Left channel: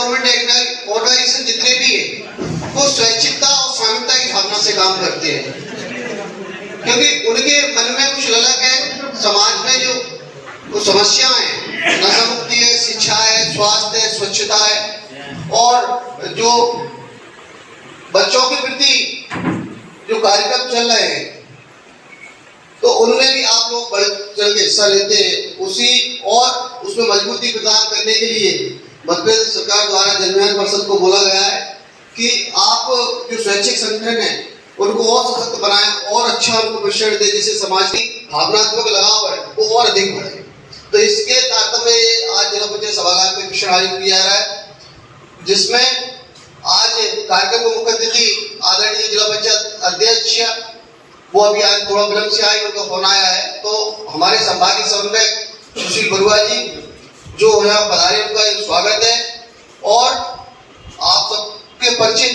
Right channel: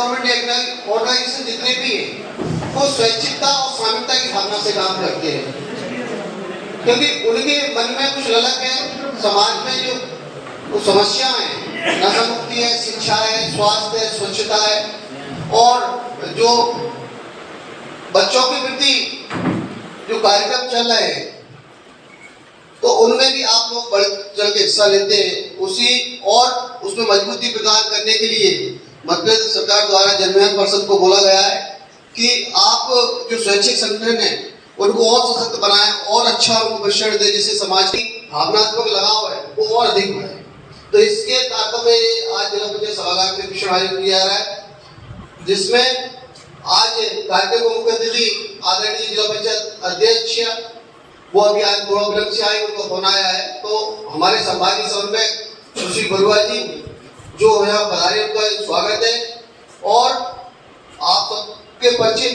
Government organisation जितने भी है वो स्वैच्छिकता और स्वामित्व की भावना से काम करते हैं, क्योंकि उनके मन में कुछ अलग है। समाज में जो समस्याएं हैं, नशा मुक्ति है, शिक्षा है, स्वास्थ्य है, स्वच्छता है, और जो बच्चों के प्रति जो कार्यक्रम चल रहे हैं तो उनमें भी आप लोग बढ़ चढ़ के हिस्सा लेते हैं। उसी और उसमें मजबूती प्रदान करने के लिए मध्य प्रदेश सरकार द्वारा जनविज्ञान परिषद को बोला गया है कि आप जो स्वैच्छिक संगठन है उनको और सशक्त बनाएं और अच्छा उनको प्रशिक्षण दें, जिससे समाज की भावनात्मक लगाव है वो और अधिक बढ़े। तो इसके तारतम्य में आज जिला पंचायत सभागार में प्रशिक्षण आयोजित किया जा रहा है, जिसमें आज कार्यक्रम को मुख्य अतिथि आदरणीय जिला पंचायत अध्यक्ष, वो अभी आज थोड़ा विलंब से आए, उनका फोन आया है, तो हमारे संभागीय समन्वयक सुशील बरुआ जी जो यहाँ पधारे, उनका स्वागत है। और आप सबके परिचित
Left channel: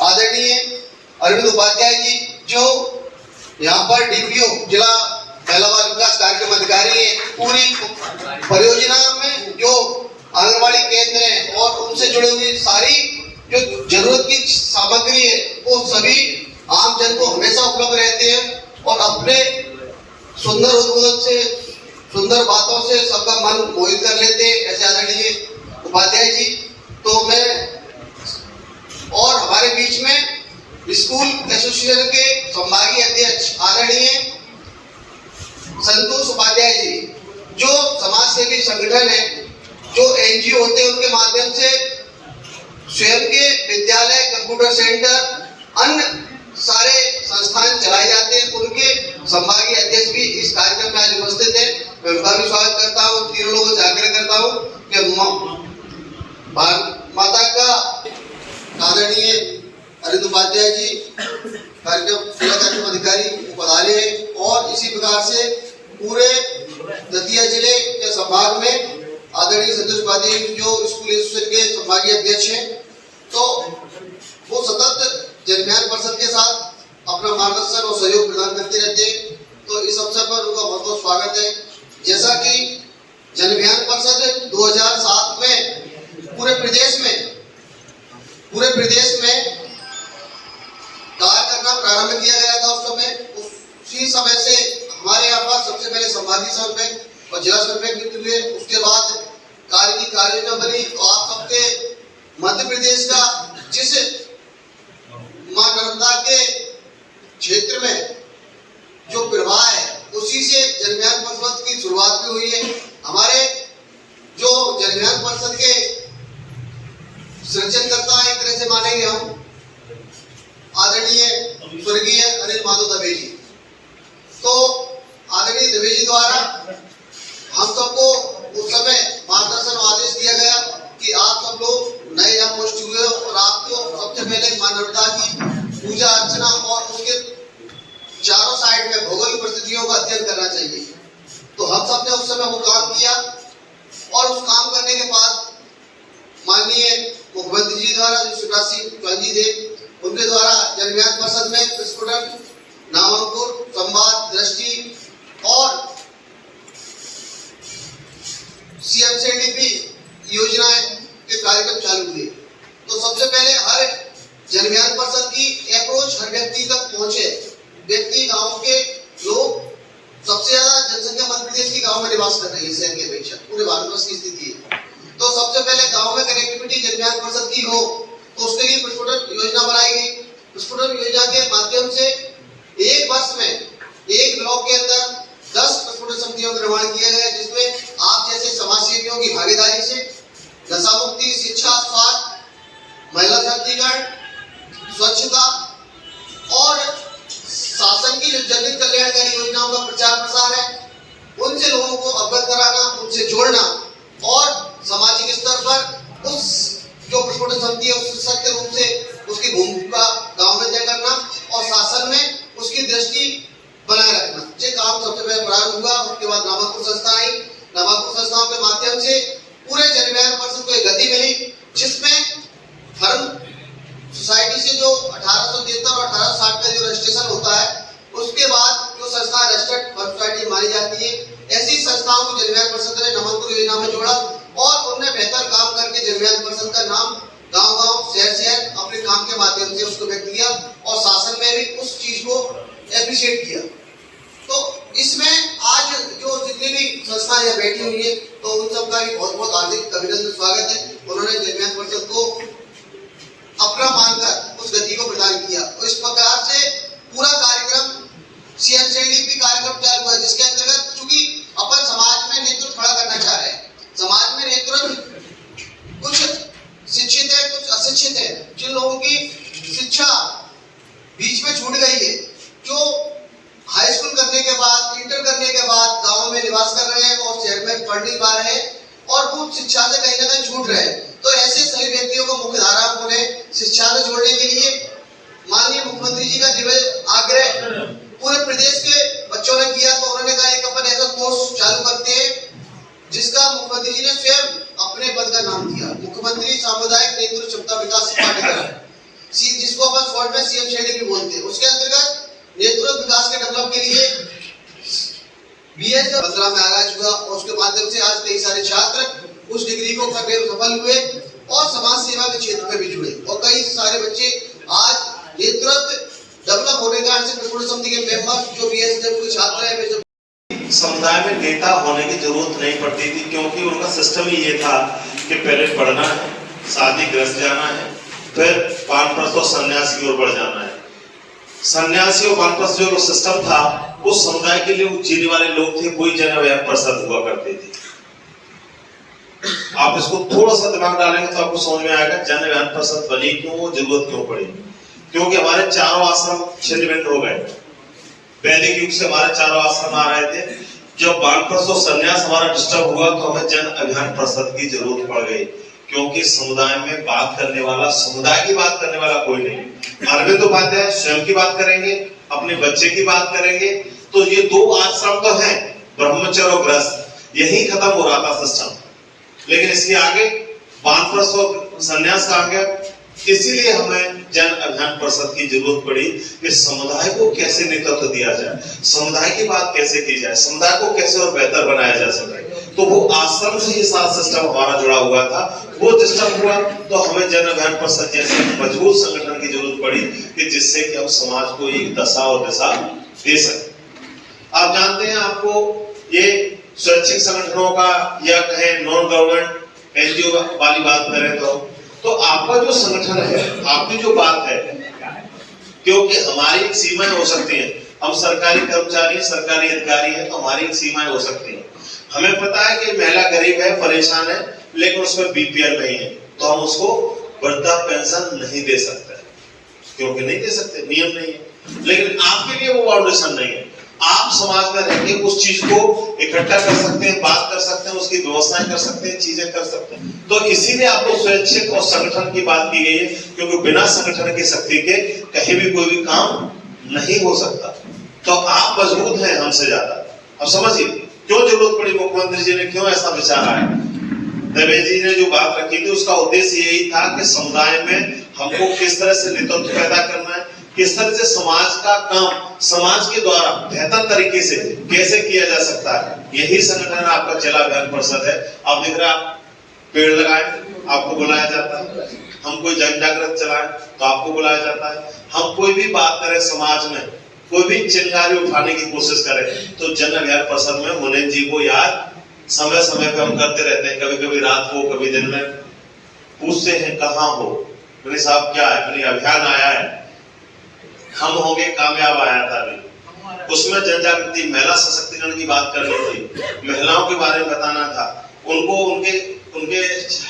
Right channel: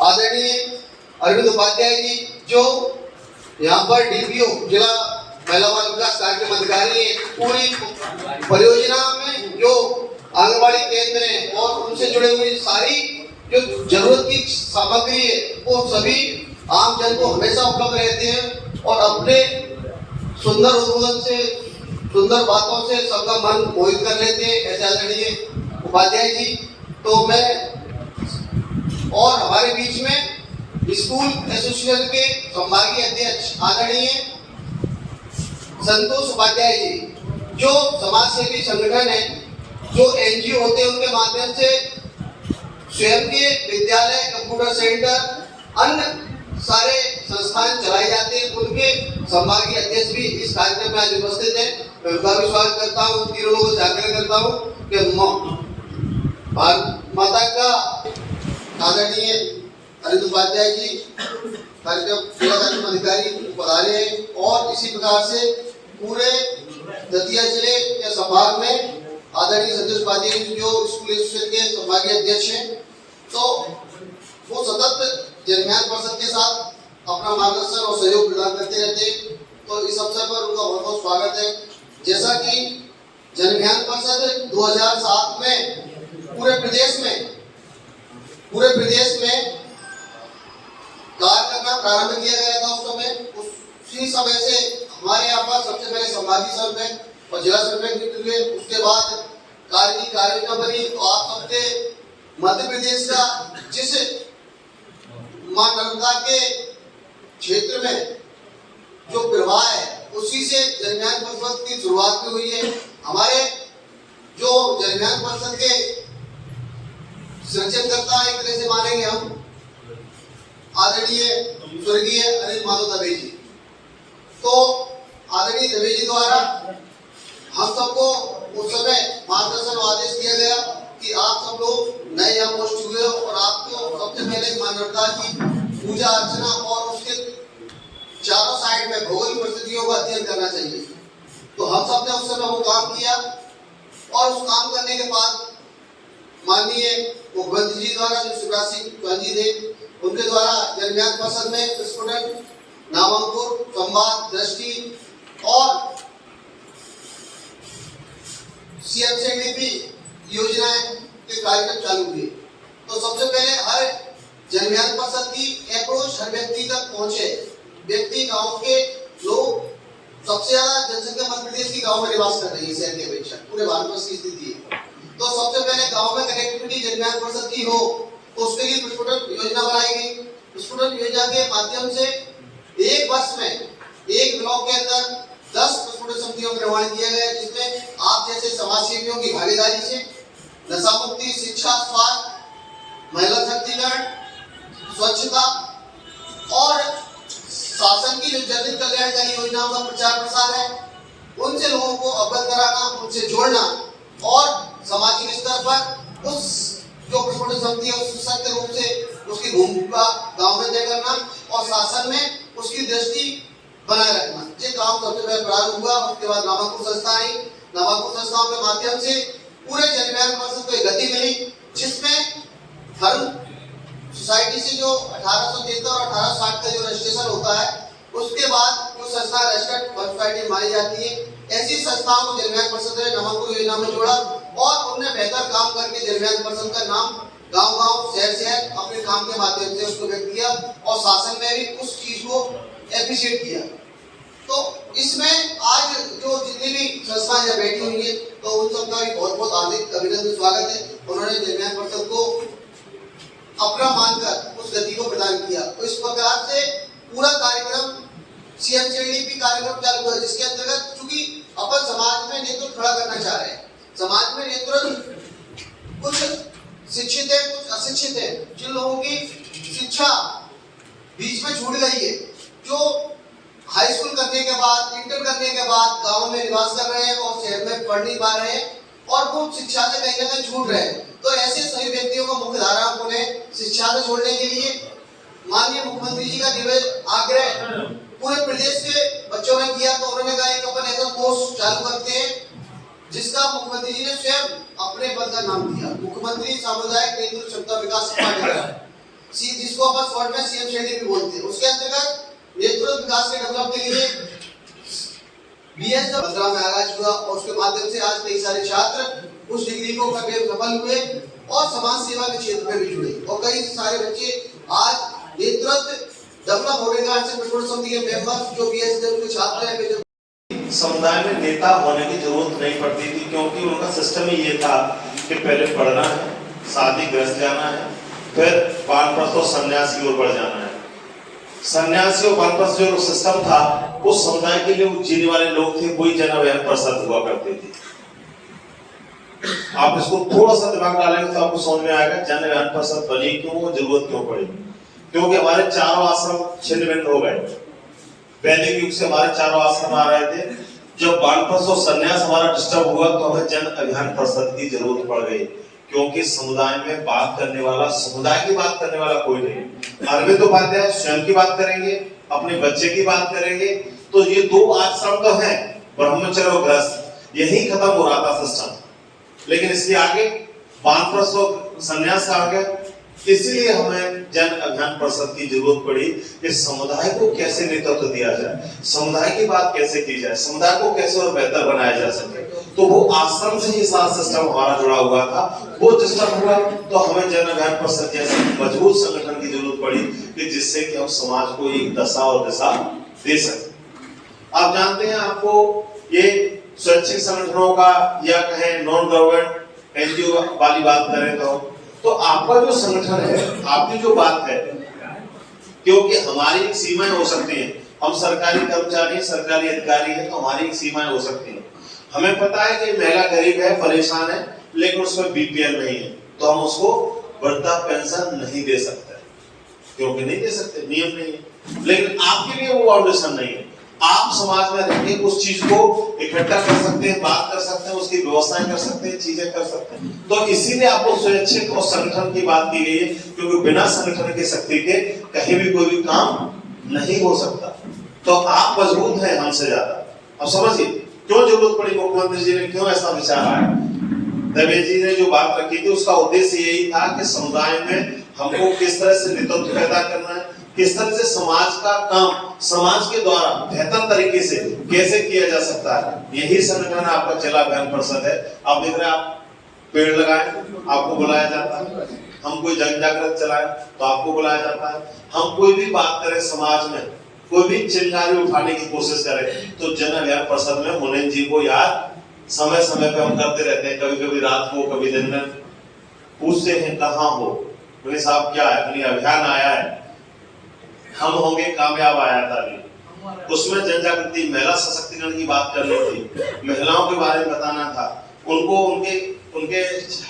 आदरणीय अरविंद उपाध्याय जी जो यहाँ पर डीपीओ जिला महिला बाल विकास कार्यक्रम अधिकारी है, पूरी परियोजना में जो आंगनबाड़ी केंद्र है और उनसे जुड़े हुए सारी जो जरूरत की सामग्री है वो सभी आम जन को हमेशा उपलब्ध रहते हैं और अपने सुंदर उद्बोधन से, सुंदर बातों से सबका मन मोहित कर लेते हैं, ऐसे आदरणीय उपाध्याय जी। तो मैं और हमारे बीच में स्कूल एसोसिएशन के संभागीय अध्यक्ष आदरणीय संतोष उपाध्याय जी जो समाज सेवी संगठन है, जो एनजीओ होते हैं, उनके माध्यम से स्वयं के विद्यालय, कंप्यूटर सेंटर, अन्य सारे संस्थान चलाए जाते हैं। उनके संभागीय अध्यक्ष भी इस कार्यक्रम में आज उपस्थित है। मैं उनका भी स्वागत करता हूँ। तीनों लोगों से आग्रह करता हूँ कि माता का आदरणीय अरविंद उपाध्याय जी जिला कार्यक्रम अधिकारी पधारे हैं और इसी प्रकार से पूरे दतिया जिले के संभाग में आदरणीय संतोष उपाध्याय जो स्कूल एसोसिएशन के संभागीय अध्यक्ष हैं, तो वो सतत जनविज्ञान परिषद के साथ अपना मार्गदर्शन और सहयोग प्रदान करते रहते हैं। तो इस अवसर पर उनका बहुत बहुत स्वागत है। जैसा कि जनविज्ञान परिषद 2007 में पूरे प्रदेश में कार्य करना प्रारंभ किया गया था। उस समय उसी समय से हमारे यहाँ पर सबसे पहले संभागीय समन्वयक और जिला समन्वयक नियुक्त हुए। उसके बाद कार्य की कार्ययोजना बनी। तो आप सबके मध्य प्रदेश का जिस मां नर्मदा के क्षेत्र में जो प्रवाह है उसी से जनविज्ञान परिषद की शुरुआत भी हुई है। हमारे जो जनविज्ञान परिषद के सृजनकर्ता एक तरह से मानेंगे हम आदरणीय स्वर्गीय अनिल माधव दवे जी। तो आदरणीय दवे जी द्वारा हम सबको उस समय मार्गदर्शन और आदेश दिया गया कि आप सब लोग नए यहाँ पोस्ट हुए और आपको सबसे पहले मां नर्मदा की पूजा अर्चना और उसके चारों साइड में भौगोलिक परिस्थितियों का अध्ययन करना चाहिए। तो हम सब ने उस समय वो काम किया और उस काम करने के बाद माननीय मुख्यमंत्री जी द्वारा जो शिवराज सिंह चौहान जी थे, उनके द्वारा जनविज्ञान परिषद में प्रस्फुटन, नामांकुर, संवाद, दृष्टि और सीएमसीडीपी योजनाएं के कार्यक्रम चालू हुए। तो सबसे पहले हर जनविज्ञान परिषद की अप्रोच हर व्यक्ति तक पहुंचे। व्यक्ति गांव के लोग सबसे ज्यादा जनसंख्या मध्य प्रदेश की गांव में निवास कर रही है शहर की अपेक्षा, पूरे भारतवर्ष की स्थिति है। तो सबसे पहले गांव में कनेक्टिविटी जनविज्ञान परिषद की हो तो उसके लिए प्रस्फुटन योजना बनाई गई। प्रस्फुटन योजना के माध्यम से एक वर्ष में एक ब्लॉक के अंदर 10 प्रस्फुटन समितियों का निर्माण किया गया, जिसमें आप जैसे समाजसेवियों की भागीदारी से नशा मुक्ति, शिक्षा, स्वास्थ्य, महिला सशक्तिकरण, स्वच्छता और शासन की जो जनहित कल्याणकारी योजनाओं का प्रचार प्रसार है, उनसे लोगों को अवगत कराना, उनसे जोड़ना और सामाजिक स्तर पर उस जो प्रस्फुटन समिति है उस सत्य रूप से उसकी भूमिका गांव में तय करना और शासन में उसकी दृष्टि बनाए रखना। ये काम सबसे पहले प्रारंभ हुआ। उसके बाद नामांकुर संस्था आई। नामांकुर संस्थाओं के माध्यम से पूरे जनविज्ञान परिषद को एक गति मिली, जिसमें धर्म सोसाइटी से जो 1873 और 1860 का जो रजिस्ट्रेशन होता है, उसके बाद जो संस्था रजिस्टर्ड सोसाइटी मानी जाती है, ऐसी संस्थाओं को जनविज्ञान परिषद ने नामांकुर योजना में जोड़ा और उन्होंने बेहतर काम करके जनविज्ञान परिषद का नाम गांव-गांव, शहर-शहर अपने काम के माध्यम से उसको व्यक्त किया और शासन में भी उस चीज को एप्रिशिएट किया। तो इसमें आज जो जितनी भी संस्थाएं यहाँ बैठी हुई है तो उन सबका भी बहुत बहुत हार्दिक अभिनंदन स्वागत है। उन्होंने जनविज्ञान परिषद को अपना मानकर उस गति को प्रदान किया और इस प्रकार से पूरा कार्यक्रम CMCDP कार्यक्रम चालू हुआ, जिसके अंतर्गत चूंकि अपन समाज में नेतृत्व खड़ा करना चाह रहे हैं। समाज में नेतृत्व कुछ शिक्षित है, कुछ अशिक्षित है। जिन लोगों की शिक्षा बीच में छूट गई है, जो हाई स्कूल करने के बाद, इंटर करने के बाद गांव में निवास कर रहे हैं और शहर में पढ़ नहीं पा रहे हैं और वो शिक्षा से कहीं ना कहीं छूट रहे हैं, तो ऐसे सभी व्यक्तियों को मुख्य धारा में उन्हें शिक्षा से जोड़ने के लिए माननीय मुख्यमंत्री जी का दिव्य आग्रह पूरे प्रदेश के बच्चों ने किया। तो उन्होंने कहा एक अपन ऐसा कोर्स चालू करते हैं जिसका मुख्यमंत्री जी ने स्वयं अपने पद का नाम दिया, मुख्यमंत्री सामुदायिक नेतृत्व क्षमता विकास पाठ्यक्रम, जिसको अपन शॉर्ट में CMCDP बोलते हैं। उसके अंतर्गत नेतृत्व विकास के डेवलप के लिए BS 15 में आगाज हुआ और उसके माध्यम से आज कई सारे छात्र उस डिग्री को करके सफल हुए और समाज सेवा के क्षेत्र में भी जुड़े और कई सारे बच्चे आज नेतृत्व डेवलप होने का समिति के मेंबर जो BSW के छात्र हैं। समुदाय में नेता होने की जरूरत नहीं पड़ती थी, क्योंकि उनका सिस्टम ही ये था कि पहले पढ़ना है, शादी ग्रस्त जाना है, फिर वानप्रस्थ और सन्यास की ओर बढ़ जाना है। सन्यासी और वानप्रस्थ जो सिस्टम था उस समुदाय के लिए जीने वाले लोग थे, कोई जनविज्ञान परिषद हुआ करते थे। आप इसको थोड़ा सा दिमाग डालेंगे तो आपको समझ में आएगा जनविज्ञान परिषद बनी क्यों, जरूरत क्यों पड़ी। क्योंकि हमारे चारों आश्रम छिन्न भिन्न हो गए। वैदिक युग से हमारे चारों आश्रम आ रहे थे। जब वानप्रस्थ और सन्यास हमारा डिस्टर्ब हुआ तो हमें जन अभियान परिषद की जरूरत पड़ गई, क्योंकि समुदाय में बात करने वाला, समुदाय की बात करने वाला कोई नहीं। अरविंद उपाध्याय स्वयं की बात करेंगे, अपने बच्चे की बात करेंगे, तो ये दो आश्रम तो हैं, ब्रह्मचर्य और गृहस्थ, यही खत्म हो रहा था सिस्टम। लेकिन इसके आगे वानप्रस्थ और सन्यास आ गया, इसीलिए हमें जन अभियान परिषद की जरूरत पड़ी कि समुदाय को कैसे नेतृत्व दिया जाए, समुदाय की बात कैसे की जाए, समुदाय को कैसे और बेहतर बनाया जा सके। तो वो आश्रम से ही सारा सिस्टम हमारा जुड़ा हुआ था। वो सिस्टम हुआ तो हमें जन अभियान परिषद जैसे मजबूत संगठन की जरूरत पड़ी कि जिससे कि हम समाज को एक दशा और दिशा दे सके। आप जानते हैं, आपको ये स्वैच्छिक संगठनों का या कहें नॉन गवर्नमेंट NGO वाली बात करें तो आपका जो संगठन है, आपकी जो बात है, क्योंकि हमारी एक सीमाएं हो सकती हैं। हम सरकारी कर्मचारी, सरकारी अधिकारी हैं, तो हमारी एक सीमाएं हो सकती हैं। हमें पता है कि महिला गरीब है, परेशान है, लेकिन उसमें BPL नहीं है, तो हम उसको वृद्धा पेंशन नहीं दे सकते, क्योंकि नहीं दे सकते, नियम नहीं है। लेकिन आपके लिए वो बाउंडेशन नहीं है। आप समाज में रहकर उस चीज को इकट्ठा कर सकते हैं, बात कर सकते हैं, उसकी व्यवस्थाएं कर सकते हैं, चीजें कर सकते हैं। तो इसीलिए आपको स्वैच्छिक और संगठन की बात की गई है, क्योंकि बिना संगठन की शक्ति के कहीं भी कोई भी काम नहीं हो सकता। तो आप मजबूत हैं हमसे ज्यादा। अब समझिए क्यों जरूरत पड़ी, मुख्यमंत्री जी ने क्यों ऐसा विचार आया। दवे जी ने जो बात रखी थी उसका उद्देश्य यही था कि समुदाय में हमको किस तरह से नेतृत्व पैदा करना है, किस तरह से समाज का काम समाज के द्वारा बेहतर तरीके से कैसे किया जा सकता है। यही संगठन आपका जिला अभियान परिषद है। आप देख रहे हैं, आप पेड़ लगाएं, आपको बुलाया जाता है। हम कोई जन जागृति चलाएं तो आपको बुलाया जाता है। हम कोई भी बात करें समाज में, कोई भी चिंगारी उठाने की कोशिश करें तो जन अभियान परिषद में मुनीम जी को याद समय समय पे हम करते रहते हैं। कभी कभी रात को, कभी दिन में पूछते हैं कहाँ हो, मुनीम साहब क्या है, मुनीम अभियान आया है, हम होंगे कामयाब आया था। अभी उसमें जन जागृति, महिला सशक्तिकरण की बात करनी थी, महिलाओं के बारे में बताना था, उनको उनके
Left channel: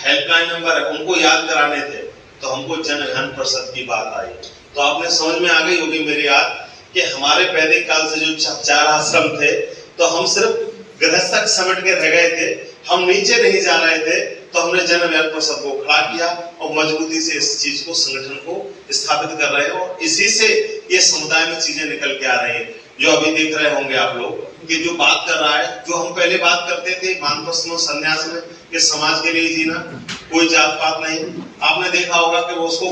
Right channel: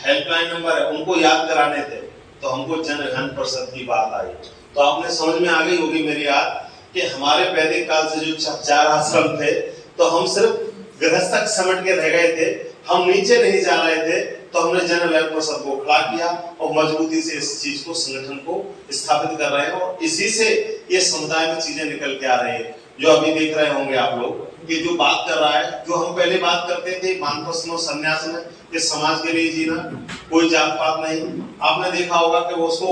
हेल्पलाइन नंबर है उनको याद कराने थे। तो हमको जन अभियान परिषद की बात आई तो आपने समझ में आ गई होगी मेरी याद कि हमारे वैदिक काल से जो 4 आश्रम थे तो हम सिर्फ गृहस्थ समेट के रह गए थे, हम नीचे नहीं जा रहे थे। तो हमने जन अभियान परिषद को खड़ा किया और मजबूती से इस चीज को, संगठन को स्थापित कर रहे हैं और इसी से ये समुदाय में चीजें निकल के आ रही हैं। जो अभी देख रहे होंगे आप लोग कि जो बात कर रहा है, जो हम पहले बात करते थे वानप्रस्थ और सन्यास में कि समाज के लिए जीना, कोई जात पात नहीं। आपने देखा होगा कि उसको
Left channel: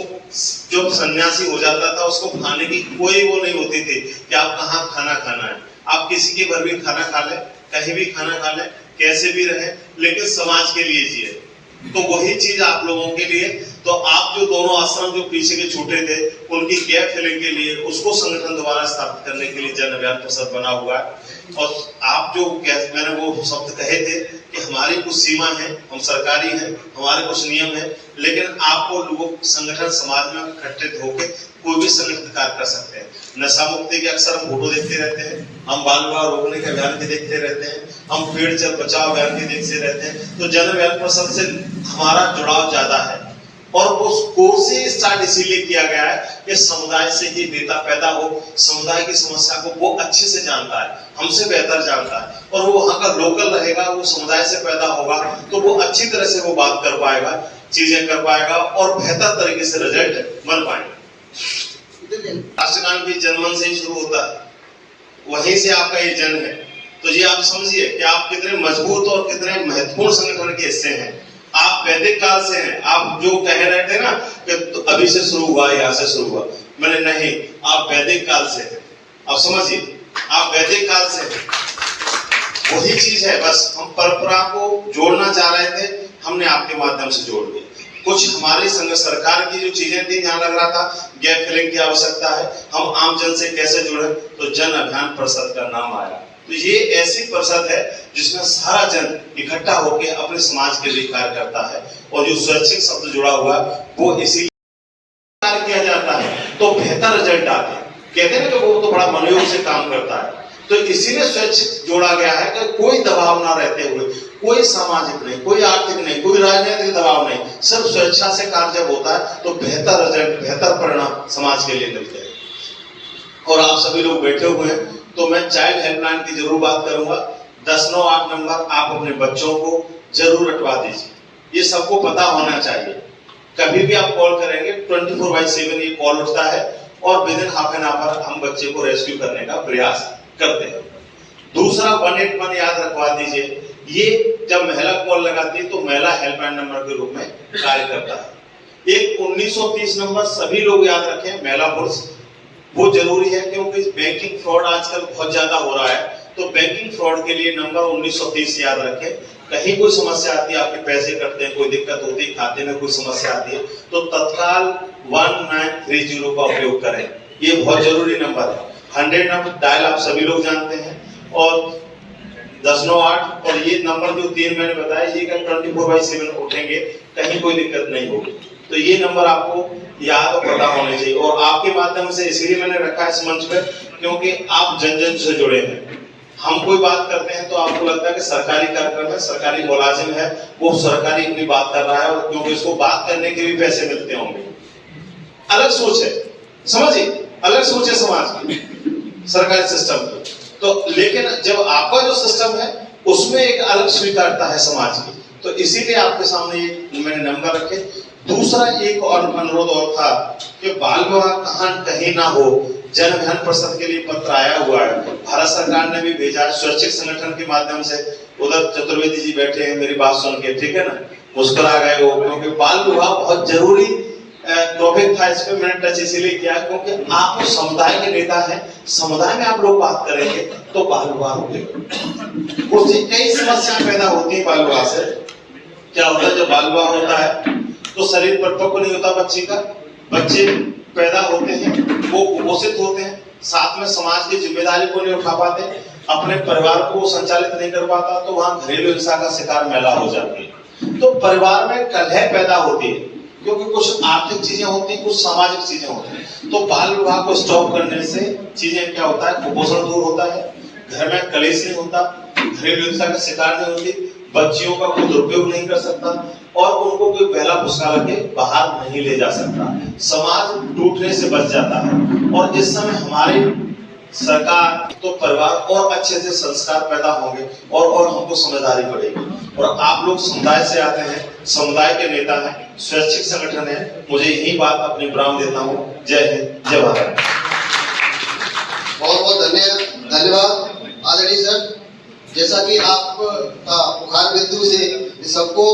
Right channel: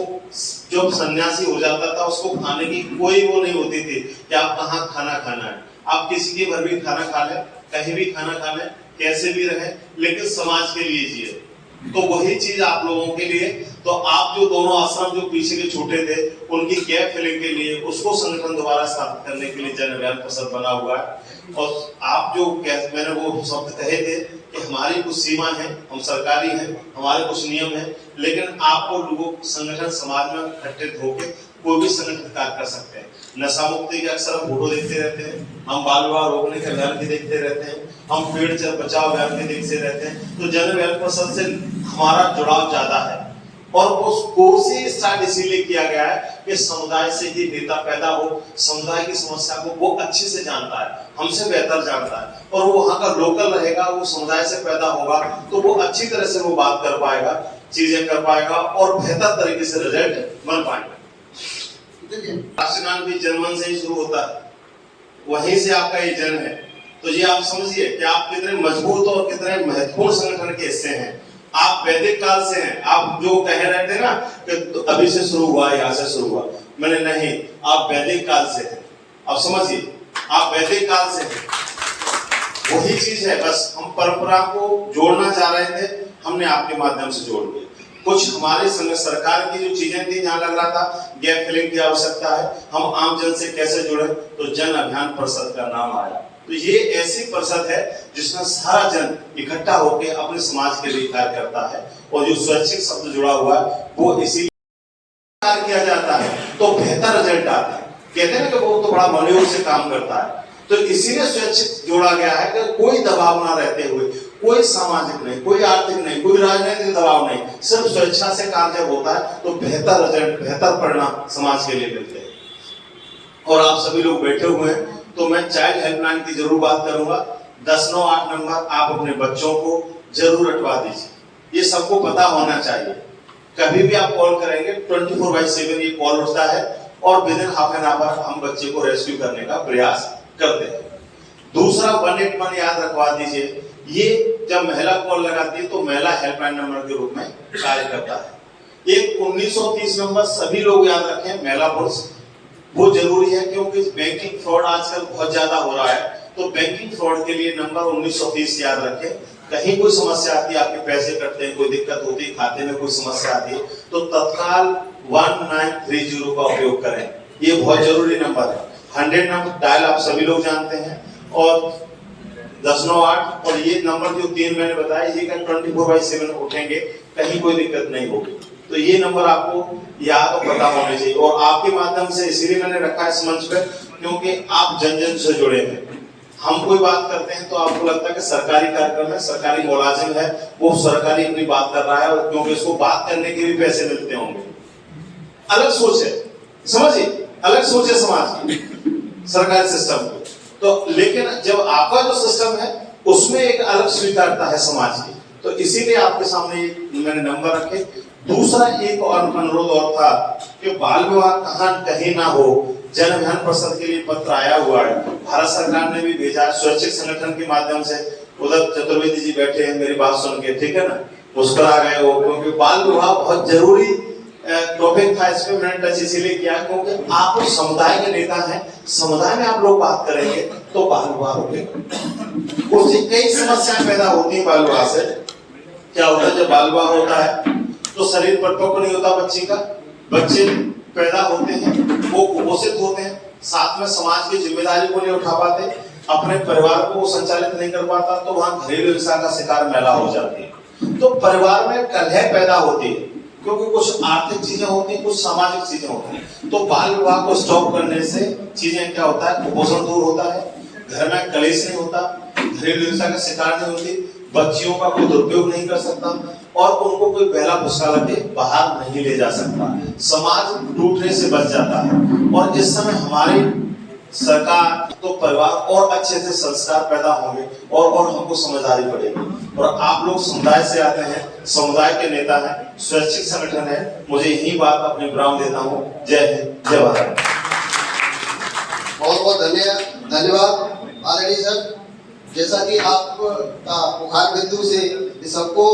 जो सन्यासी हो जाता था उसको खाने की कोई वो नहीं होती थी कि आप कहाँ खाना खाना है। आप किसी के घर भी खाना खा ले, कहीं भी खाना खा ले, कैसे भी रहे, लेकिन समाज के लिए जिए। तो वही चीज आप लोगों के लिए, तो आप जो दोनों आश्रम जो पीछे के छूटे थे उनकी गैप फिलिंग के लिए, उसको संगठन दोबारा स्थापित करने के लिए जन अभियान परिषद बना हुआ है। और आप जो मैंने वो शब्द कहे थे कि हमारी कुछ सीमा है, हम सरकारी हैं, हमारे कुछ नियम है, लेकिन आपको लोगों संगठन समाज में इकट्ठित होकर कोई भी संगठित कार्य कर सकते हैं। नशा मुक्ति के अक्सर हम फोटो देखते रहते हैं, हम बाल विवाह रोकने के अभियान भी देखते रहते हैं, हम पेड़ चल बचाओ अभियान भी देखते रहते हैं। तो जन अभियान परिषद से हमारा जुड़ाव ज्यादा है, और वो कोर्स ही स्टार्ट इसीलिए किया गया है कि समुदाय से ही नेता पैदा हो, समुदाय की समस्या को वो अच्छे से जानता है, हमसे बेहतर जानता है, और वो वहाँ का लोकल रहेगा, वो समुदाय से पैदा होगा, तो वो अच्छी तरह से वो बात कर पाएगा, चीजें कर पाएगा, और बेहतर तरीके से रिजल्ट बन पाएगा। राष्ट्रगान भी जनमन से ही शुरू होता है, वहीं से आपका ये जन्म है। तो ये आप समझिए कि आप कितने मजबूत और कितने महत्वपूर्ण संगठन के हिस्से हैं। आप वैदिक काल से हैं। आप जो कह रहे थे ना कि तो अभी से शुरू हुआ, यहाँ से शुरू हुआ, मैंने नहीं, आप वैदिक काल से हैं। आप समझिए, आप वैदिक काल से हैं। वही चीज है, बस हम परंपरा को जोड़ना चाह रहे थे, हमने आपके माध्यम से जोड़ दी। कुछ हमारी संघ सरकार की जो चीजें थी, जहां लग रहा था गैप फिलिंग की आवश्यकता है, हम आम जन से कैसे जुड़े, तो जन अभियान परिषद का नाम आया। तो ये ऐसी परिषद है जिसमें सारा जन इकट्ठा होकर अपने समाज के लिए कार्य करता है, और जो स्वैच्छिक शब्द जुड़ा हुआ है वो इसी कार्य किया जाता है तो बेहतर रिजल्ट आता है। कहते हैं ना कि वो तो बड़ा मनोयोग से काम करता है, तो इसीलिए स्वैच्छिक जोड़ा गया है कि कोई दबाव ना रहते हुए, कोई सामाजिक नहीं, कोई आर्थिक नहीं, कोई राजनीतिक दबाव नहीं, सिर्फ स्वेच्छा से कार्य जब होता है तो बेहतर रिजल्ट, बेहतर परिणाम समाज के लिए मिलते हैं। और आप सभी लोग बैठे हुए हैं, तो मैं चाइल्ड हेल्पलाइन की जरूर बात करूंगा। 1098 नंबर आप अपने बच्चों को जरूर रटवा दीजिए, ये सबको पता होना चाहिए। कभी भी आप कॉल करेंगे 24/7 ये कॉल उठता है, और with in half an hour हम बच्चे को रेस्क्यू करने का प्रयास करते हैं। दूसरा 181 याद रखवा दीजिए, ये जब महिला कॉल लगाती है तो महिला हेल्पलाइन नंबर के रूप में कार्य करता है। एक 1930 नंबर सभी लोग याद रखें, महिला पुरुष, वो जरूरी है, क्योंकि बैंकिंग फ्रॉड आजकल बहुत ज्यादा हो रहा है। तो बैंकिंग फ्रॉड के लिए नंबर 1930 याद रखें। कहीं कोई समस्या आती है, आपके पैसे कटते हैं, कोई दिक्कत होती है, खाते में कोई समस्या आती है, तो तत्काल 1930 का उपयोग करें, ये बहुत जरूरी नंबर है। 100 नंबर डायल आप सभी लोग जानते हैं, और 1098 और ये नंबर जो 3 मैंने बताया, ये 24/7 उठेंगे, कहीं कोई दिक्कत नहीं होगी। तो ये नंबर आपको याद और पता होने चाहिए, और आपके माध्यम से इसलिए मैंने रखा इस मंच पर, क्योंकि आप जन जन से जुड़े हैं। हम कोई बात करते हैं तो आपको लगता है कि सरकारी कार्यक्रम है, सरकारी मुलाजिम है, वो सरकारी अपनी बात कर रहा है, और क्योंकि उसको बात करने के भी पैसे मिलते होंगे। अलग सोच है, समझिए, अलग सोच है समाज की, सरकारी सिस्टम की। तो लेकिन जब आपका जो सिस्टम है उसमें एक अलग स्वीकारता है समाज की, तो इसीलिए आपके सामने मैंने नंबर रखे। दूसरा एक और अनुरोध और था कि बाल विवाह कहीं ना हो, जन अभियान परिषद के लिए पत्र आया हुआ है, भारत सरकार ने भी भेजा स्वैच्छिक संगठन के माध्यम से। उधर चतुर्वेदी जी बैठे हैं, मेरी बात सुन के, ठीक है ना, मुस्कुरा गए वो, क्योंकि बाल विवाह बहुत जरूरी टॉपिक था। इस पे मैंने टच इसीलिए किया क्योंकि आप समुदाय के नेता हैं, समुदाय में आप लोग बात करेंगे तो बाल विवाह होंगे, उससे कई समस्याएं पैदा होती है। बाल विवाह से क्या होता है, जब बाल विवाह होता है तो शरीर परिपक्व नहीं होता बच्चे का, बच्चे पैदा होते हैं, वो कुपोषित होते हैं, साथ में समाज की जिम्मेदारी को नहीं उठा पाते, अपने परिवार को संचालित नहीं कर पाता, तो वहां घरेलू हिंसा का शिकार महिला हो जाती है। तो परिवार में कलह पैदा होती है, क्योंकि कुछ आर्थिक चीजें होती हैं, कुछ सामाजिक चीजें होती हैं। तो बाल विवाह को स्टॉप करने से चीजें क्या होता है, कुपोषण दूर होता है, घर में कलेश नहीं होता, घरेलू हिंसा का शिकार नहीं होती, बच्चियों का कोई दुरुपयोग नहीं कर सकता, और उनको कोई पहला फुसकारा के बाहर नहीं ले जा सकता, समाज टूटने से बच जाता है। और इस समय हमारी सरकार तो परिवार और अच्छे से संस्कार पैदा होंगे, और हमको समझदारी पड़ेगी। और आप लोग समुदाय से आते हैं, समुदाय के नेता हैं, स्वैच्छिक संगठन है, मुझे यही बात अपने विराम देता हूँ। जय हिंद, जय भारत। बहुत बहुत धन्यवाद आदरणीय सर। जैसा कि आप मुखार बिंदु से सबको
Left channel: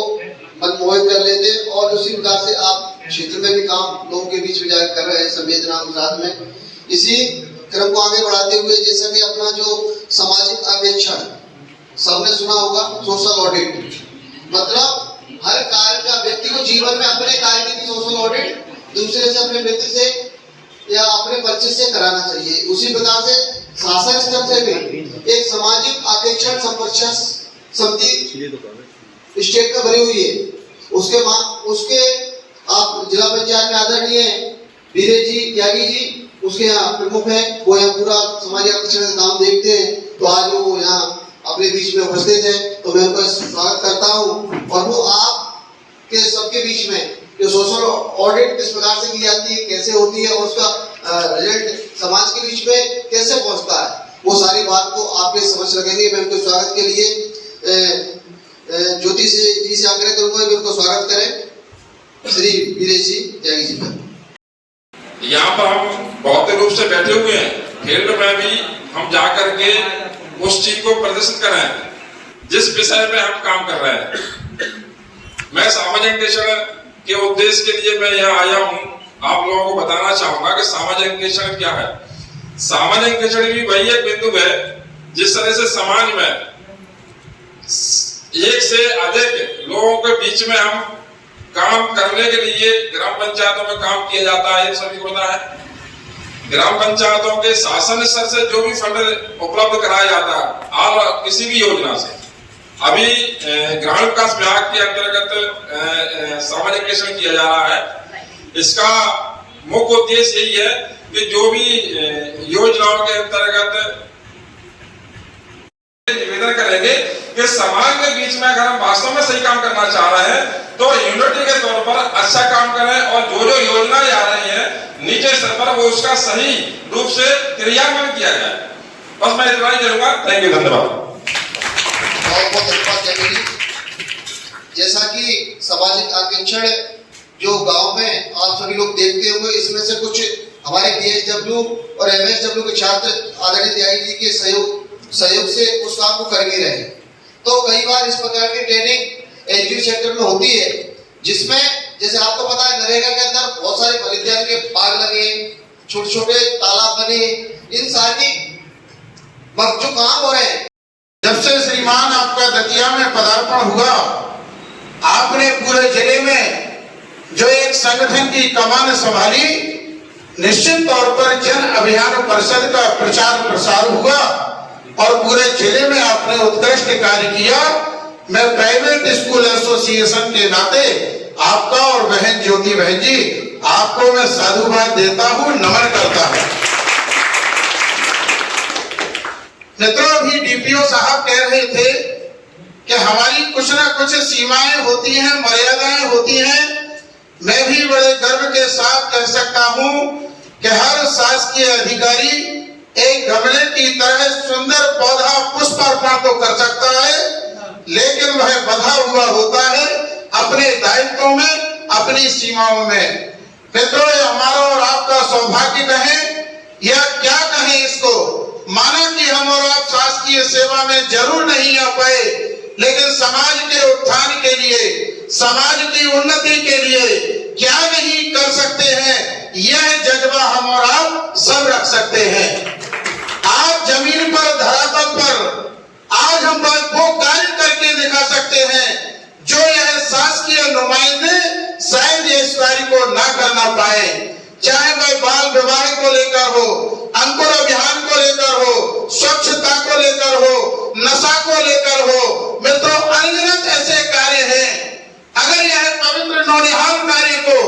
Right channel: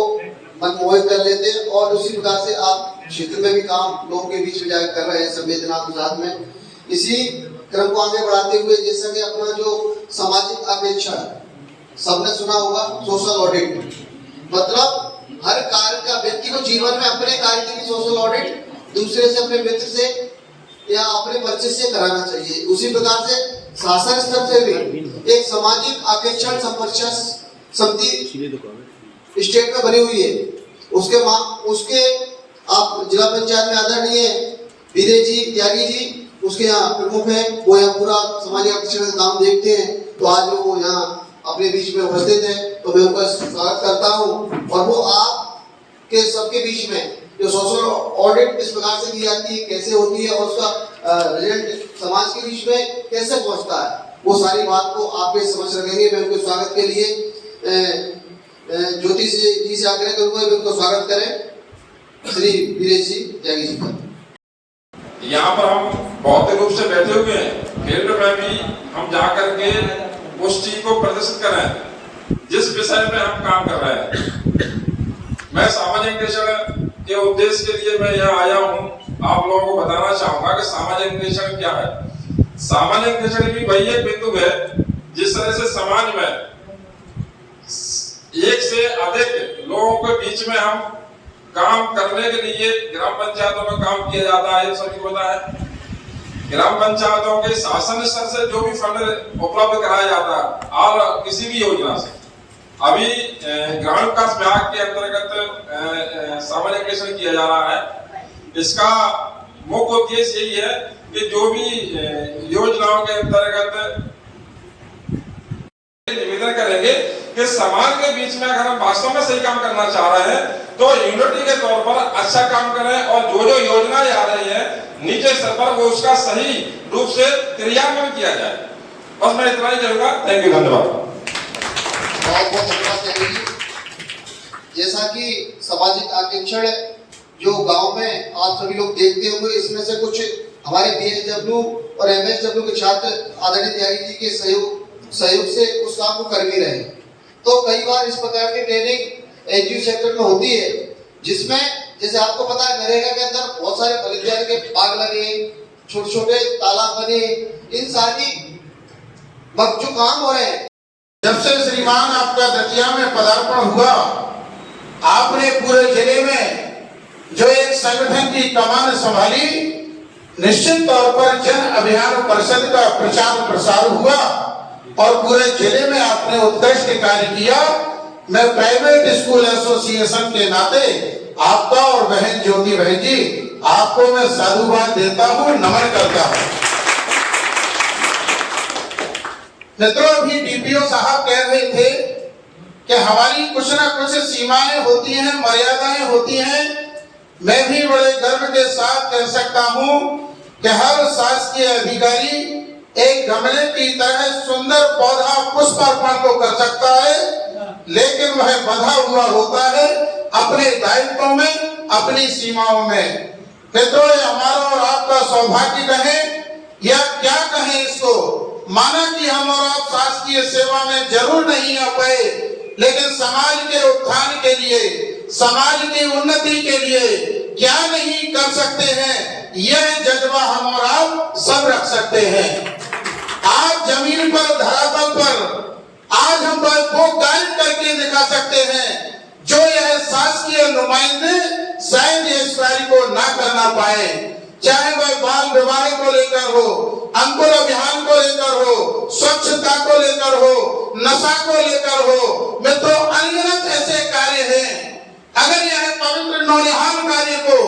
मनमोहित कर लेते, और उसी प्रकार से आप क्षेत्र में भी काम लोगों के बीच में जाकर कर रहे हैं संवेदना के साथ में। इसी क्रम को आगे बढ़ाते हुए, जैसा कि अपना जो सामाजिक अपेक्षा है, सबने सुना होगा सोशल ऑडिट, मतलब हर कार्य का व्यक्ति को जीवन में अपने कार्य की भी सोशल ऑडिट दूसरे से, अपने मित्र से या अपने बच्चे से कराना चाहिए। उसी प्रकार से शासन स्तर से भी एक सामाजिक आकेक्षण संपर्क समिति स्टेट में बनी हुई है। उसके आप जिला पंचायत में आदरणीय वीरेश जी त्यागी जी उसके यहाँ प्रमुख है, वो यहाँ पूरा सामाजिक आकर्षण का काम देखते हैं। तो आज वो यहाँ अपने बीच में उपस्थित है, तो मैं उनका स्वागत करता हूँ। और वो आप के सबके बीच में जो सोशल ऑडिट किस प्रकार से की जाती है, कैसे होती है और उसका रिजल्ट समाज के बीच में कैसे पहुँचता है, वो सारी बात को आपके समझ रखेंगे। मैं उनको स्वागत के लिए ज्योति जी से आग्रह करूंगा कि उनको स्वागत करें, श्री वीरेश जी त्यागी जी का। यहाँ पर हम भौतिक रूप से बैठे हुए हैं, फील्ड में भी हम जाकर के उस चीज को प्रदर्शित करें जिस विषय में हम काम कर रहे हैं। मैं सामाजिक अन्वेषण के उद्देश्य के लिए मैं यहाँ आया हूँ। आप लोगों को बताना चाहूंगा कि सामाजिक अन्वेषण क्या है। सामाजिक अन्वेषण भी वही एक बिंदु है जिस तरह से समाज में एक से अधिक लोगों के बीच में हम काम करने के लिए ग्राम पंचायतों में काम किया जाता है, ये सभी को पता है। ग्राम पंचायतों के शासन स्तर से जो भी फंड उपलब्ध कराया जाता है और किसी भी योजना से, अभी ग्रामीण विकास विभाग के अंतर्गत सामाजिक अन्वेषण किया जा रहा है। इसका मुख्य उद्देश्य यही है कि जो भी योजनाओं के अंतर्गत निवेदन करेंगे कि समाज के बीच में अगर हम वास्तव में सही काम करना चाह रहे हैं तो यूनिटी के तौर पर अच्छा काम करें और जो जो योजनाएं आ रही है नीचे स्तर पर वो उसका सही रूप से क्रियान्वयन किया जाए। बस मैं इतना ही करूंगा। थैंक यू, धन्यवाद। बहुत बहुत धन्यवाद। जैसा कि सामाजिक आकर्षण जो गांव में आप सभी लोग देखते होंगे, इसमें से कुछ हमारे बीएसडब्ल्यू और एमएसडब्ल्यू के छात्र आदरणीय त्यागी जी के सहयोग से उस काम को कर भी रहे हैं। तो कई बार इस प्रकार की ट्रेनिंग एनजीओ सेक्टर में होती है, जिसमें जैसे आपको पता है नरेगा के अंदर बहुत सारे बलिदान के बाग लगे, छोटे छोटे तालाब बने, इन सारी जो काम हो रहे हैं। जब से श्रीमान आपका दतिया में पदार्पण हुआ, आपने पूरे जिले में जो एक संगठन की कमान संभाली, निश्चित तौर पर जन अभियान परिषद का प्रचार प्रसार हुआ और पूरे जिले में आपने उत्कृष्ट कार्य किया। मैं प्राइवेट स्कूल एसोसिएशन के नाते आपका और बहन ज्योति बहन जी आपको मैं साधुवाद देता हूं, नमन करता हूं। मित्रों, अभी डीपीओ साहब कह रहे थे कि हमारी कुछ ना कुछ सीमाएं होती हैं, मर्यादाएं होती हैं। मैं भी बड़े गर्व के साथ कह सकता हूं कि हर शासकीय अधिकारी एक गमले की तरह सुंदर पौधा पुष्प अर्पण तो कर सकता है, लेकिन वह बंधा हुआ होता है अपने दायित्वों में, अपनी सीमाओं में। मित्रों, हमारा और आपका सौभाग्य कहें या क्या कहें इसको, माना कि हम और आप शासकीय सेवा में जरूर नहीं आ पाए, लेकिन समाज के उत्थान के लिए, समाज की उन्नति के लिए क्या नहीं कर सकते हैं, यह जज्बा हम और आप सब रख सकते हैं। आज जमीन पर, धरातल पर आज हम वो कार्य करके दिखा सकते हैं जो यह शासकीय नुमाइंदे शायद इस कार्य को ना करना पाए। चाहे वह बाल विवाह को लेकर हो, अंकुर अभियान को लेकर हो, स्वच्छता को लेकर हो, नशा को लेकर हो। मित्रों, अनगिनत ऐसे कार्य हैं। अगर यह पवित्र नौनिहाल कार्य को